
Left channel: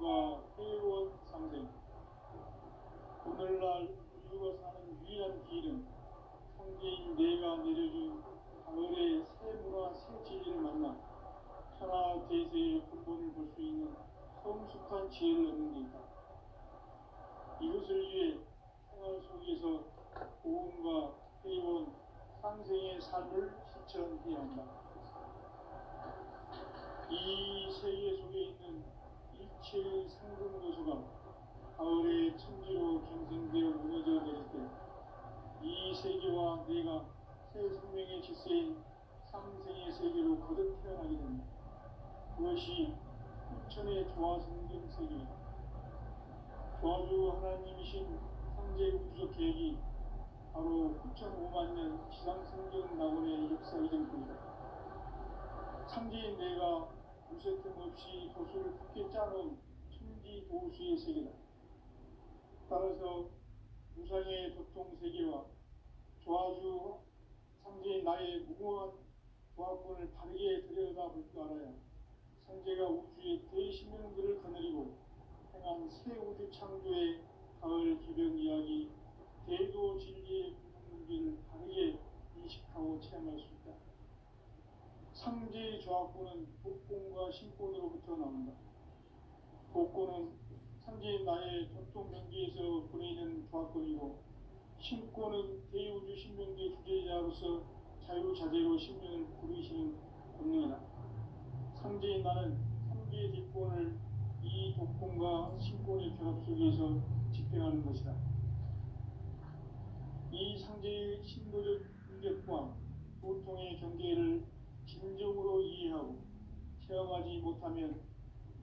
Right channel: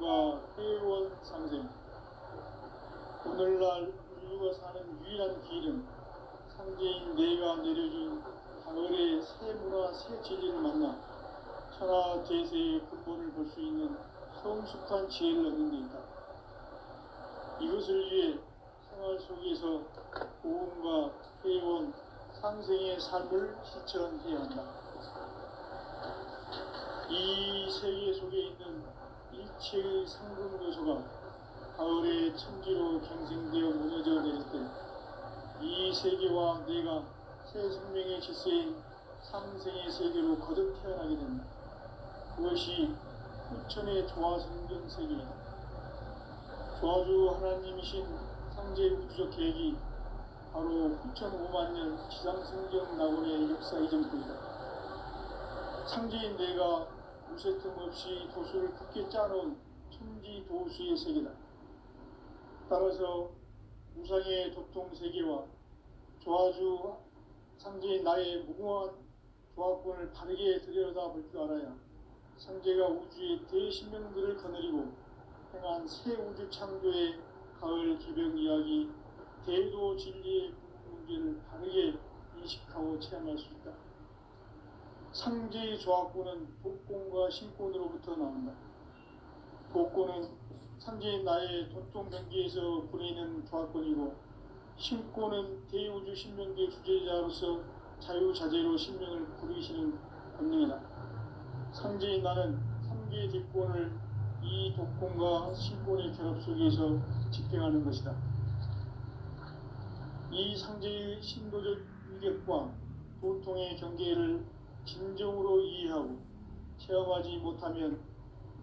구원과 회원 상생. 오늘날 인류가 사는 유일한 길은 상제인 내가 내려준 가을의 새 문화, 새 진리를 만나 천하 제세의 근본을 볼 수 있는 성숙한 지혜를 얻는 데 있다. 이것을 위해 생활 속에서 고음과 회원, 상생의 삶을 실천해야 한다. 이 세계 속에 있는 일체의 상금 요소가 가을의 천지로 경생되어 무너져 내릴 때 이 세계와 내가 새 생명의 질서인 상생의 세계로 거듭 태어나게 된다. 그것이 후천의 조화성경 세계이다. 조화주 하나님이신 상제 우주적 계획이 바로 후천 5만년 지상성경 낙원의 역사 이전뿐이다. 상제인 내가 무쇠 틈 없이 도수를 굳게 짜놓은 천지 도수의 세계다. 따라서 무상의 도통 세계와 조화주 상제인 나의 무궁한 조합권을 바르게 들여다볼 줄 알아야 상제가 우주의 대신명들을 거느리고 행한 새 우주 창조의 가을 기병 이야기 대도 진리의 문제를 바르게 인식하고 체험할 수 있다. 상제의 조합권은 복권과 신권으로부터 나온다. 복권은 상제인 나의 도통 경계에서 보내는 조합권이고 신권은 대우주 신명계 주제자로서 자유자재로 신명을 부르시는 권능이다. 상제인 나는 3개의 뒷권을 이 독권과 신권의 결합 속에서 집행하는 것이다. 이 상제의 신도적 위격과 도통의 경계를 진정으로 이해하고 체험하지 못하면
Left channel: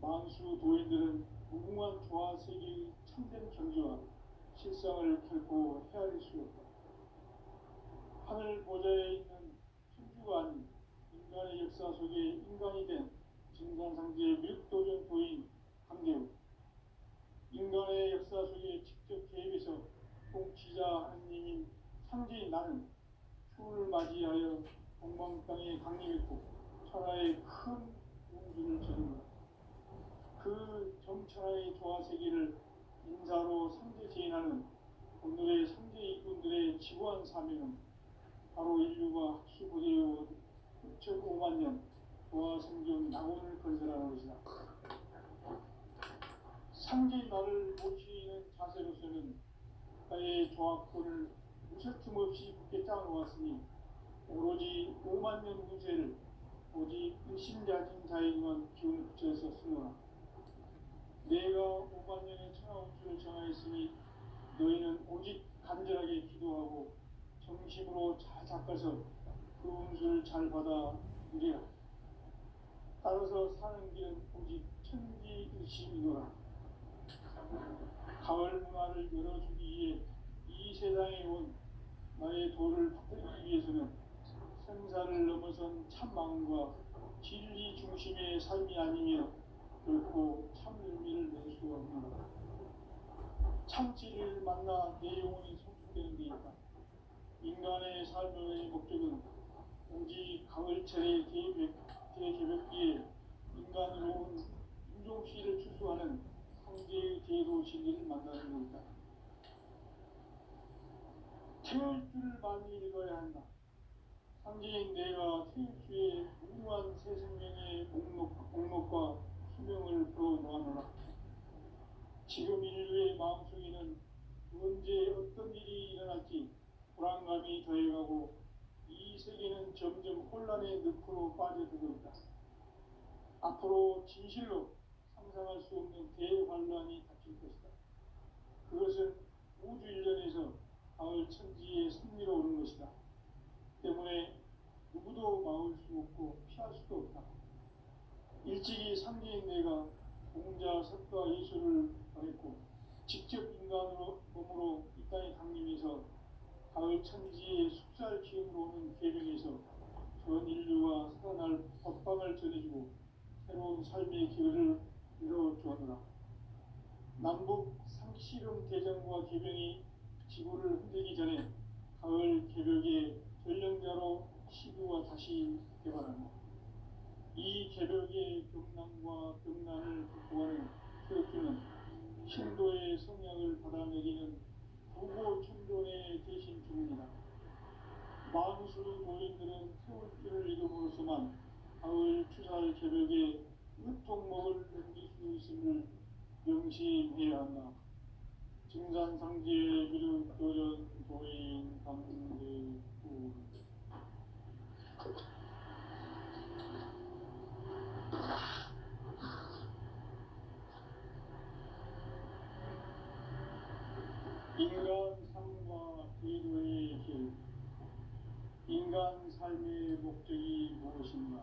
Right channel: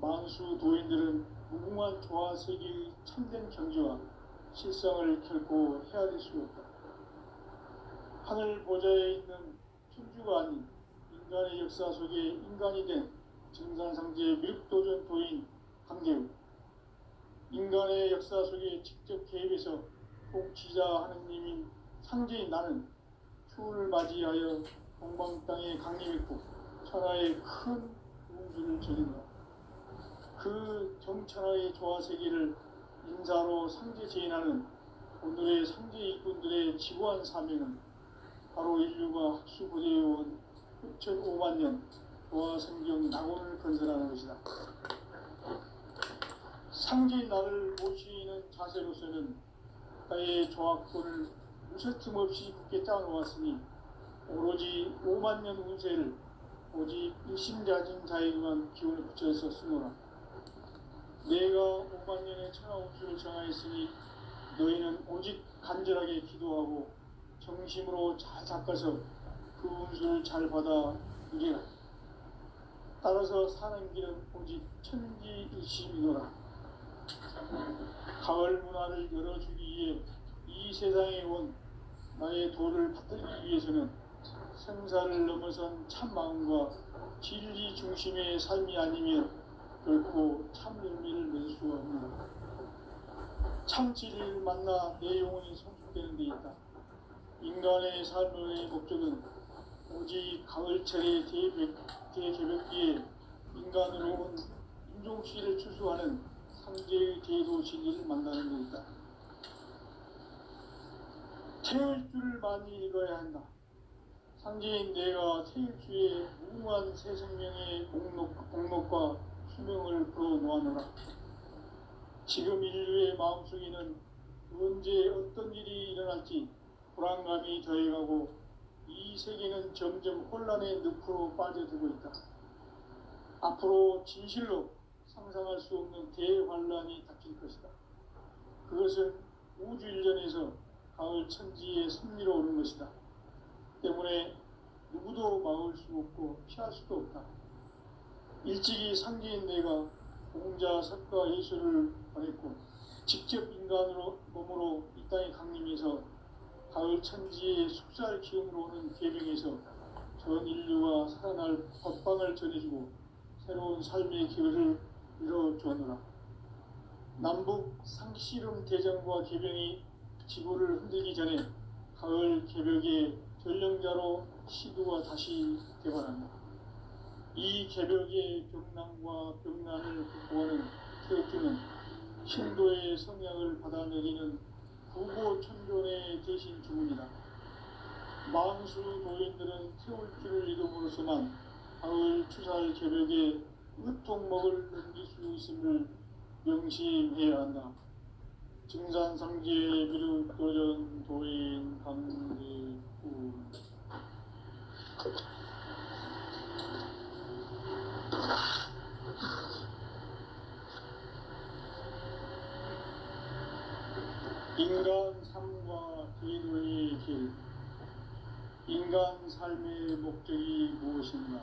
만수 도인들은 무궁한 조화세계의 참된 경지와 실상을 결코 헤아릴 수 없다. 하늘 보좌에 있는 천주가 아닌 인간의 역사 속에 인간이 된 증산상제의 밀도전 도인 강대우, 인간의 역사 속에 직접 개입해서 통치자 하느님인 상제인 나는 추운을 맞이하여 동방 땅에 강림했고 천하의 큰 우주를 저린다. 그 정천하의 조화세계를 인사로 상제 제인하는 오늘의 상제 일꾼들의 지구한 사명은 바로 인류가 학수고대해온 후천 5만년 조화성경 낙원을 건설하는 것이다. 상제인 나를 모시는 자세로서는 나의 조합권을 무쇠틈 없이 굳게 짜놓았으니 오로지 5만년 운세를 오직 일심자진 자에게만 기운을 붙여서 쓰노라. 내가 5만년의 천하운수를 정하였으니 너희는 오직 간절하게 기도하고 정심으로 잘 닦아서 그 운수를 잘 받아 누리라. 따라서 사는 길은 오직 천지일심이노라. 가을 문화를 열어주기 위해 이 세상에 온 나의 도를 받들기 위해서는 생사를 넘어선 참마음과 진리 중심의 삶이 아니면 결코 참 의미를 낼 수가 없노라. 참 진리를 만나 내 영혼이 성숙되는 데 있다. 인간의 삶의 목적은 오직 가을철의 대개벽기에 인간으로 온 인종시를 추수하는 상제의 대도 진리를 만나는 데 있다. 태일주를 많이 읽어야 한다. 상제인 내가 태일주의 무궁한 새 생명의 목록과 수명을 풀어놓아노라. 지금 인류의 마음속에는 언제 어떤 일이 일어날지 불안감이 더해가고 이 세계는 점점 혼란의 늪으로 빠져들고 있다. 앞으로 진실로 상상할 수 없는 대환란이 닥칠 것이다. 그것은 우주 일련에서 가을 천지의 섭리로 오는 것이다. 때문에 누구도 막을 수 없고 피할 수도 없다. 일찍이 상계인 내가 공자, 석가, 예수를 보냈고 직접 인간으로 몸으로 이 땅에 강림해서 가을 천지의 숙살 기운으로 오는 계명에서 전 인류가 살아날 법방을 전해주고 새로운 삶의 기회를 이뤄주었노라. 남북 상씨름 대전과 계병이 지구를 흔들기 전에 가을 개벽의 전령자로 시두가 다시 개발한다. 이 개벽의 병난과 병난을 극복하는 태극기는 신도의 성향을 받아내리는 부고천존의 대신 주문이다. 망수 도인들은 태울기를 이름으로서만 가을 추살 개벽의 으통목을 넘길 수 있음을 명심해야 한다. 증산상계 비륵도전 도인 강대구 인간 삶과 기도의 길. 인간 삶의 목적이 무엇인가?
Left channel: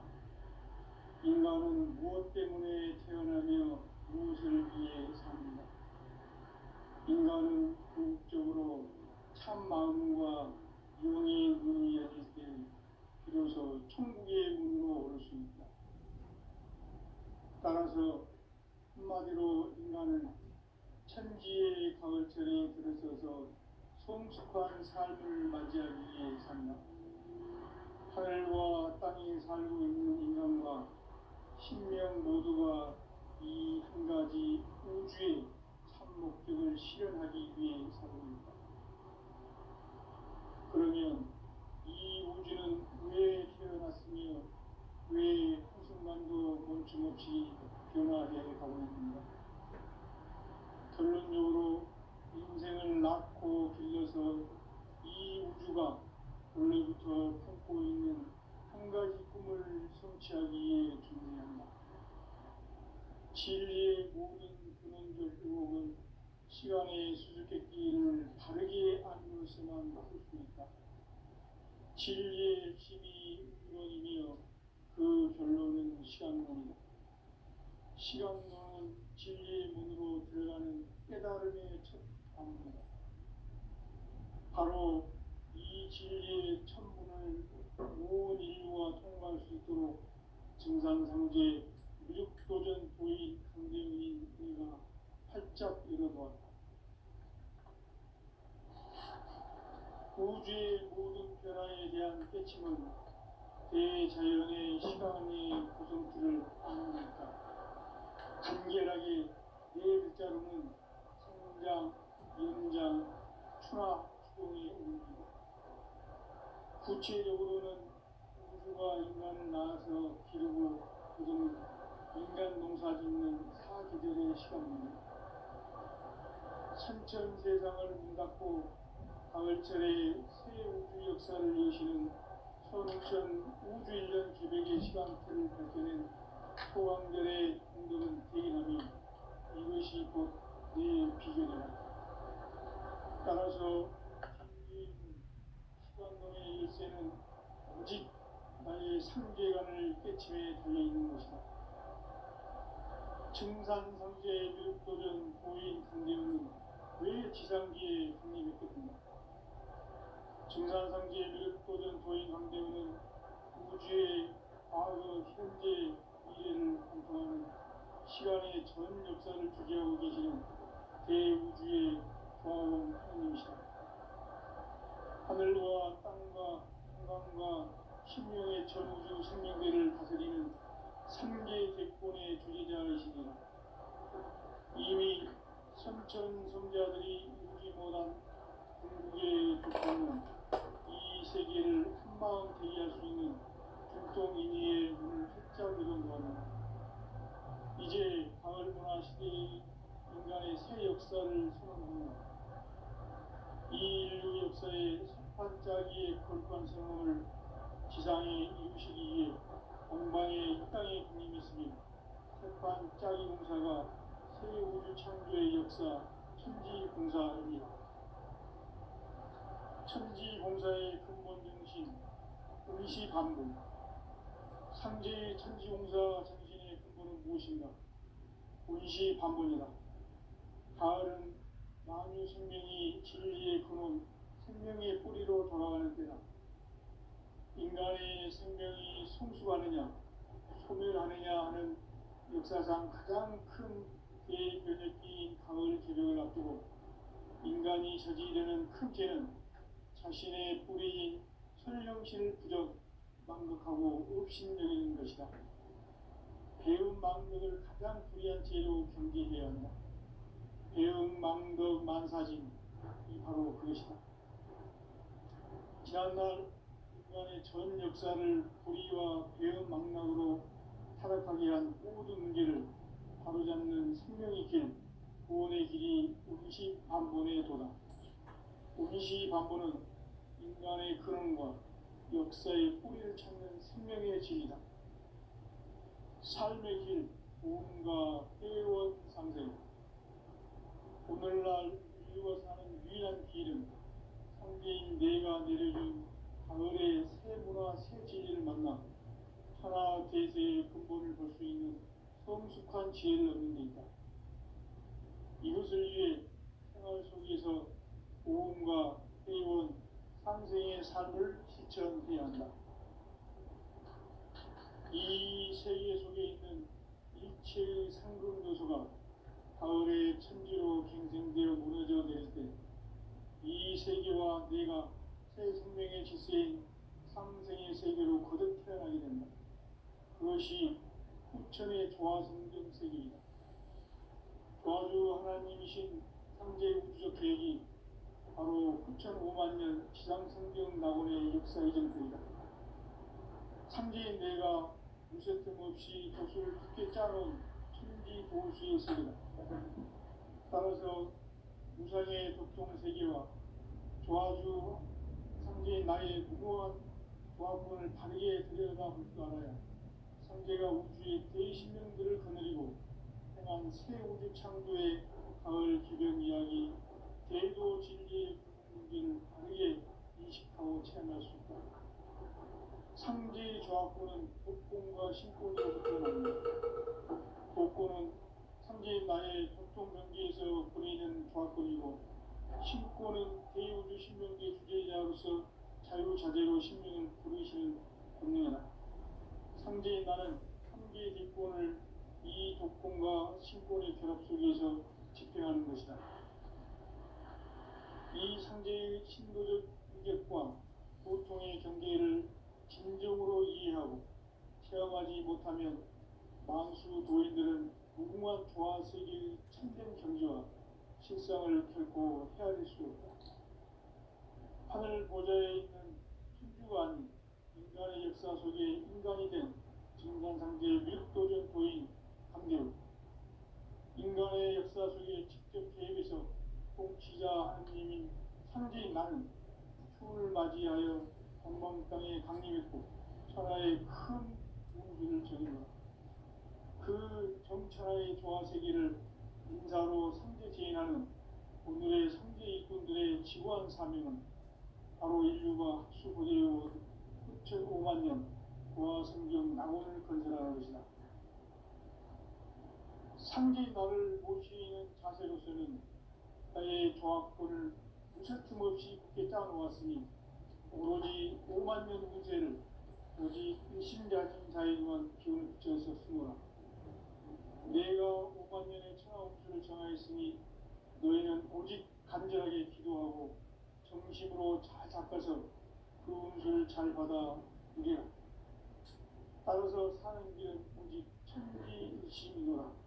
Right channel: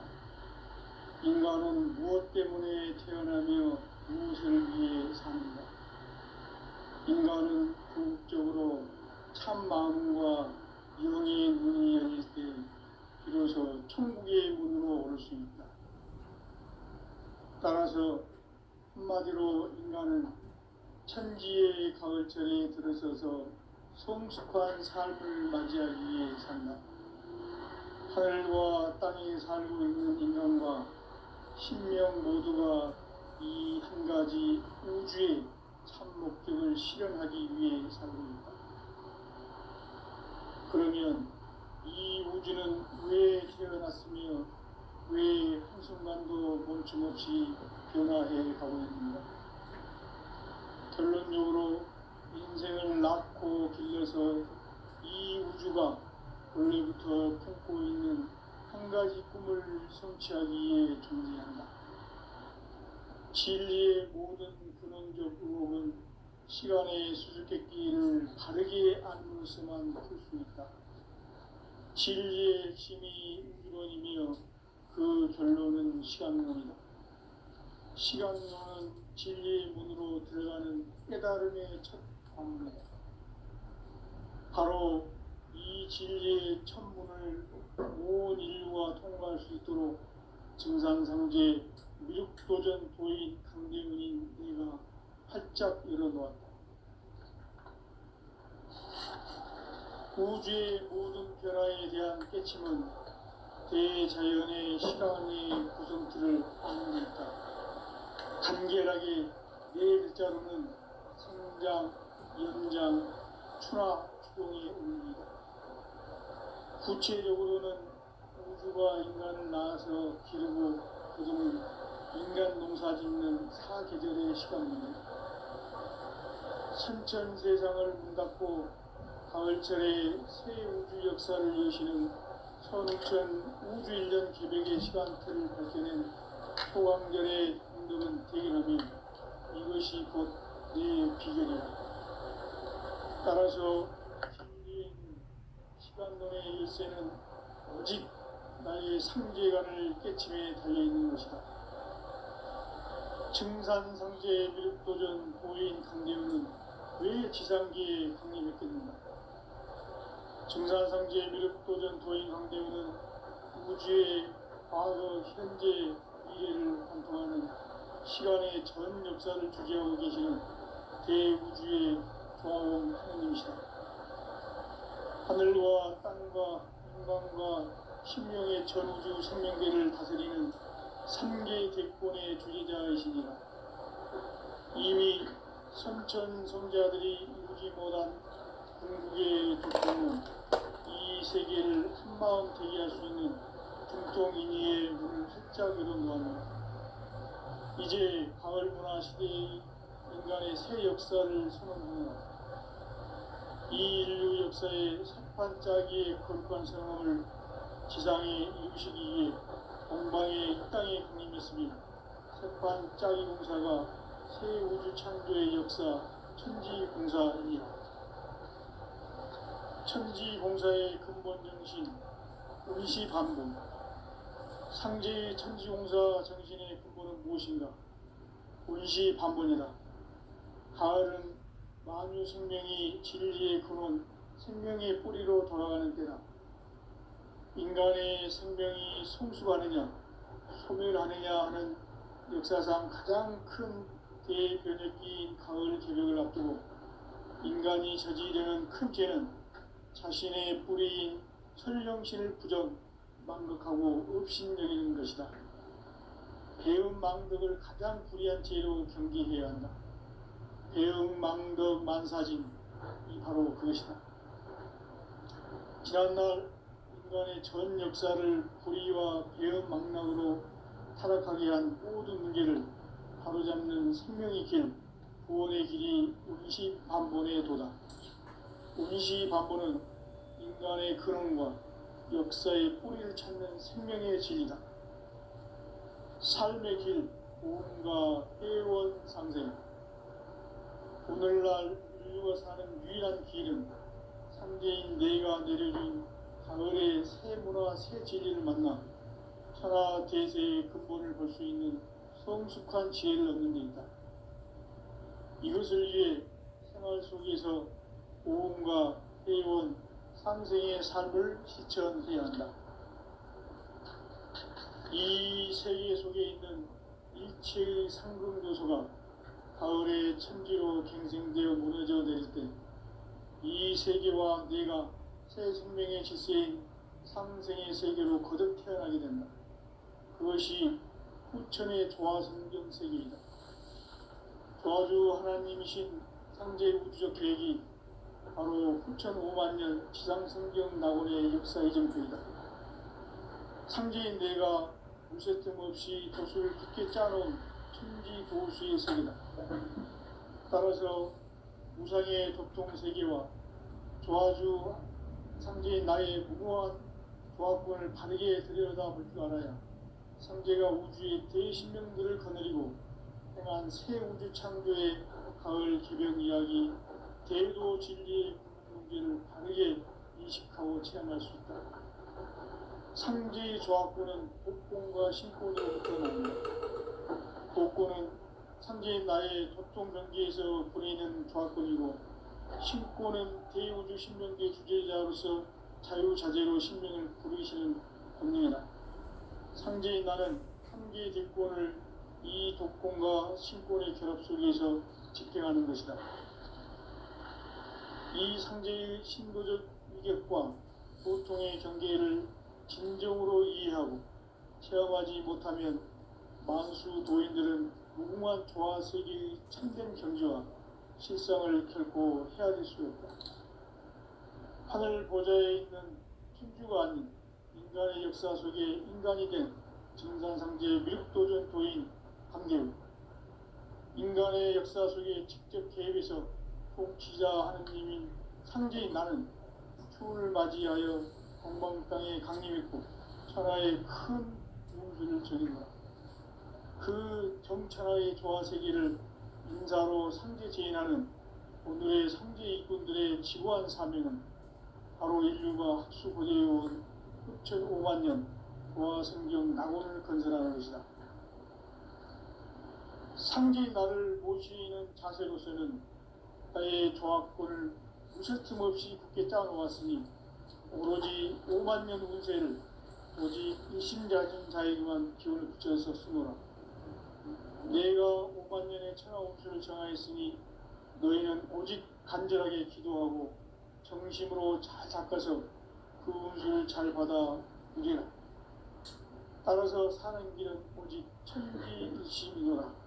인간은 무엇 때문에 태어나며 무엇을 위해 사는가? 인간은 궁극적으로 참 마음과 영의 문이 열릴 때 비로소 천국의 문으로 올 수 있다. 따라서 한마디로 인간은 천지의 가을철에 들어서서 성숙한 삶을 맞이하기 위해 산다. 하늘과 땅에 살고 있는 인간과 신명 모두가 이 한 가지 우주의 참 목적을 실현하기 위해 살고 있다. 그러면 이 우주는 왜 태어났으며 왜 한순간도 멈춤없이 변화해 가고 있는가? 결론적으로 인생을 낳고 길러서 이 우주가 원래부터 품고 있는 한 가지 꿈을 성취하기 위해 존재한다. 진리의 모든 근원적 의혹은 시간의 수수께끼를 바르게 알므로서만 풀 수 있다. 진리의 핵심이 우주론이며 그 결론은 시간론이다. 시간론은 진리의 문으로 들어가는 깨달음의 첫 관문이다. 바로 이 진리의 천문을 온 인류가 통과할 수 있도록 증산상제 미륵도전 도인 강대문인 내가 활짝 열어놓았다. 우주의 모든 변화에 대한 깨침은 대자연의 시간의 구성틀을 확인했다. 간결하게 네 글자로는 성장, 연장, 추나, 추동의 의미다. 구체적으로는 우주가 인간을 낳아서 기르고 거두는 인간 농사 짓는 사계절의 시간입니다. 선천 세상을 문 닫고 가을철에 새 우주 역사를 여시는 선우천 우주 1년 개벽의 시간틀을 밝혀낸 소강절의 공덕은 대견하면 이것이 곧 내 비결이다. 따라서 진리인 시간론의 열쇠는 오직 나의 상계관을 깨침에 달려있는 것이다. 증산상제 미륵도전 고인 강대우는 왜 지상기에 강림했겠는가? 증산상제 미륵도전 도인 강대우는 우주의 과거, 현재, 미래를 관통하는 시간의 전 역사를 주재하고 계시는 대우주의 조화원 하느님이시다. 하늘과 땅과 한강과 신명의 전우주 생명계를 다스리는 3개 대권의 주지자이시니라. 이미 선천 성자들이 이루지 못한 궁극의 조건은 이 세계를 한마음 되게 할 수 있는 중통인의의 문을 활짝 열어놓았노라. 이제 가을 문화 시대의 인간의 새 역사를 선언하노라. 이 인류 역사의 석판짜기의 거룩한 성함을 지상에 이루시기 위해 동방의 이 땅에 강림했으며 석판짜기 공사가 새 우주 창조의 역사 천지공사이니 천지공사의 근본 정신 운시반복. 상제의 천지공사 정신의 근본은 무엇인가? 운시반복이다. 가을은 만유 생명이 진리의 근원, 생명의 뿌리로 돌아가는 때다. 인간의 생명이 성숙하느냐, 소멸하느냐 하는 역사상 가장 큰 대변혁기인 가을 개벽을 앞두고 인간이 저지르는 큰 죄는 자신의 뿌리인 설령신을 부정, 망극하고 업신여기는 것이다. 배음 망덕을 가장 불의한 죄로 경계해야 한다. 배음 망덕 만사진이 바로 그것이다. 지난날 인간의 전 역사를 불의와 배음 망락으로 타락하게 한 모든 문제를 바로잡는 생명의 길, 구원의 길이 운시반본의 도다. 운시반본은 인간의 근원과 역사의 뿌리를 찾는 생명의 진리다. 삶의 길, 구원과 회원 상생. 오늘날 인류가 사는 유일한 길은 상제인 내가 내려준 가을의 새 문화, 새 진리를 만나 천하 대세의 근본을 볼 수 있는 성숙한 지혜를 얻는 데 있다. 이것을 위해 생활 속에서 고음과 회원, 상생의 삶을 실천해야 한다. 이 세계 속에 있는 일체의 상급 요소가 가을의 천지로 갱생되어 무너져 내릴 때 이 세계와 내가 새 생명의 질서인 상생의 세계로 거듭 태어나게 된다. 그것이 후천의 조화성경 세계이다. 조화주 하나님이신 상제 우주적 계획이 바로 후천 5만년 지상성경 낙원의 역사 이정표이다. 상제인 내가 무쇠틈 없이 도수를 굳게 짜놓은 천지 도수의 세계다. 따라서 무상의 독통세계와 조화주 상제인 나의 무궁한 조합권을 바르게 들여다볼 줄 알아야 상제가 우주의 대신명들을 거느리고 행한 새 우주 창조의 가을 개벽 이야기, 대도 진리의 문제를 바르게 인식하고 체험할 수 있다. 상제의 조합권은 복권과 신권으로부터 나옵니다. 복권은 상제인 나의 도통경계에서 보내는 조합권이고, 신권은 대우주 신명계 주제자로서 자유자재로 신명을 부르시는 권능이다. 상제인 나는 한계의 뒷권을 이 독권과 신권의 결합 속에서 집행하는 것이다. 이 상제의 신도적 위격과 보통의 경계를 진정으로 이해하고 체험하지 못하면 만수 도인들은 무궁한 조화 세계의 참된 경지와 실상을 결코 헤아릴 수 없다. 하늘 보좌에 있는 천주가 아닌 인간의 역사 속에 인간이 된 증산상제 밀도전 도인 강대우, 인간의 역사 속에 직접 개입해서 통치자 하느님인 상제인 나는 추운을 맞이하여 동방 땅에 강림했고 천하의 큰 운수를 적인다. 그 정천하의 조화세계를 인사로 상제 제인하는 오늘의 상제 일꾼들의 지구한 사명은 바로 인류가 학수고대해온 후천 5만년 조화성경 낙원을 건설하는 것이다. 상제인 나를 모시는 자세로서는 나의 조합권을 무쇠틈 없이 굳게 짜놓았으니 오로지 5만년 운세를 오직 일심자진 자에게만 기운을 붙여서 쓰노라. 내가 5만년의 천하 운수를 정하였으니 너희는 오직 간절하게 기도하고 정심으로 잘 닦아서 그 운수를 잘 받아 누리라. 따라서 사는 길은 오직 천지일심이노라.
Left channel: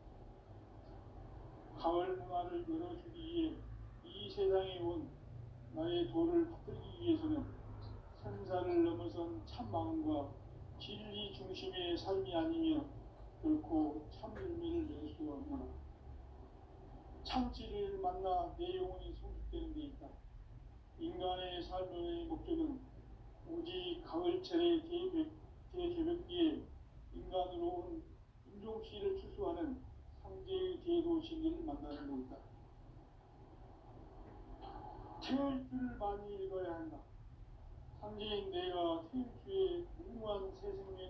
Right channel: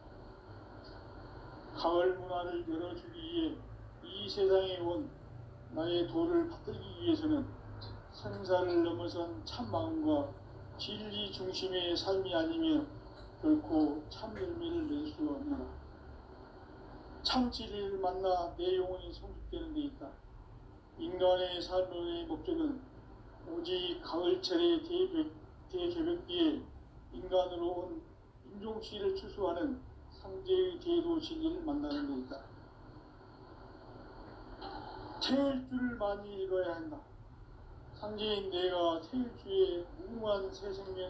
가을 문화를 열어주기 위해 이 세상에 온 나의 도를 받들기 위해서는 생사를 넘어선 참 마음과 진리 중심의 삶이 아니면 결코 참 열매를 낼 수가 없노라. 참 진리를 만나 내 영혼이 성숙되는 데 있다. 인간의 삶의 목적은 오직 가을철의 대개벽기에 인간으로 온 임종씨를 추수하는 상제의 대도 진리를 만나는 것이다. 태일주를 많이 읽어야 한다. 상제인 내가 태일주의 무궁한 새 생명의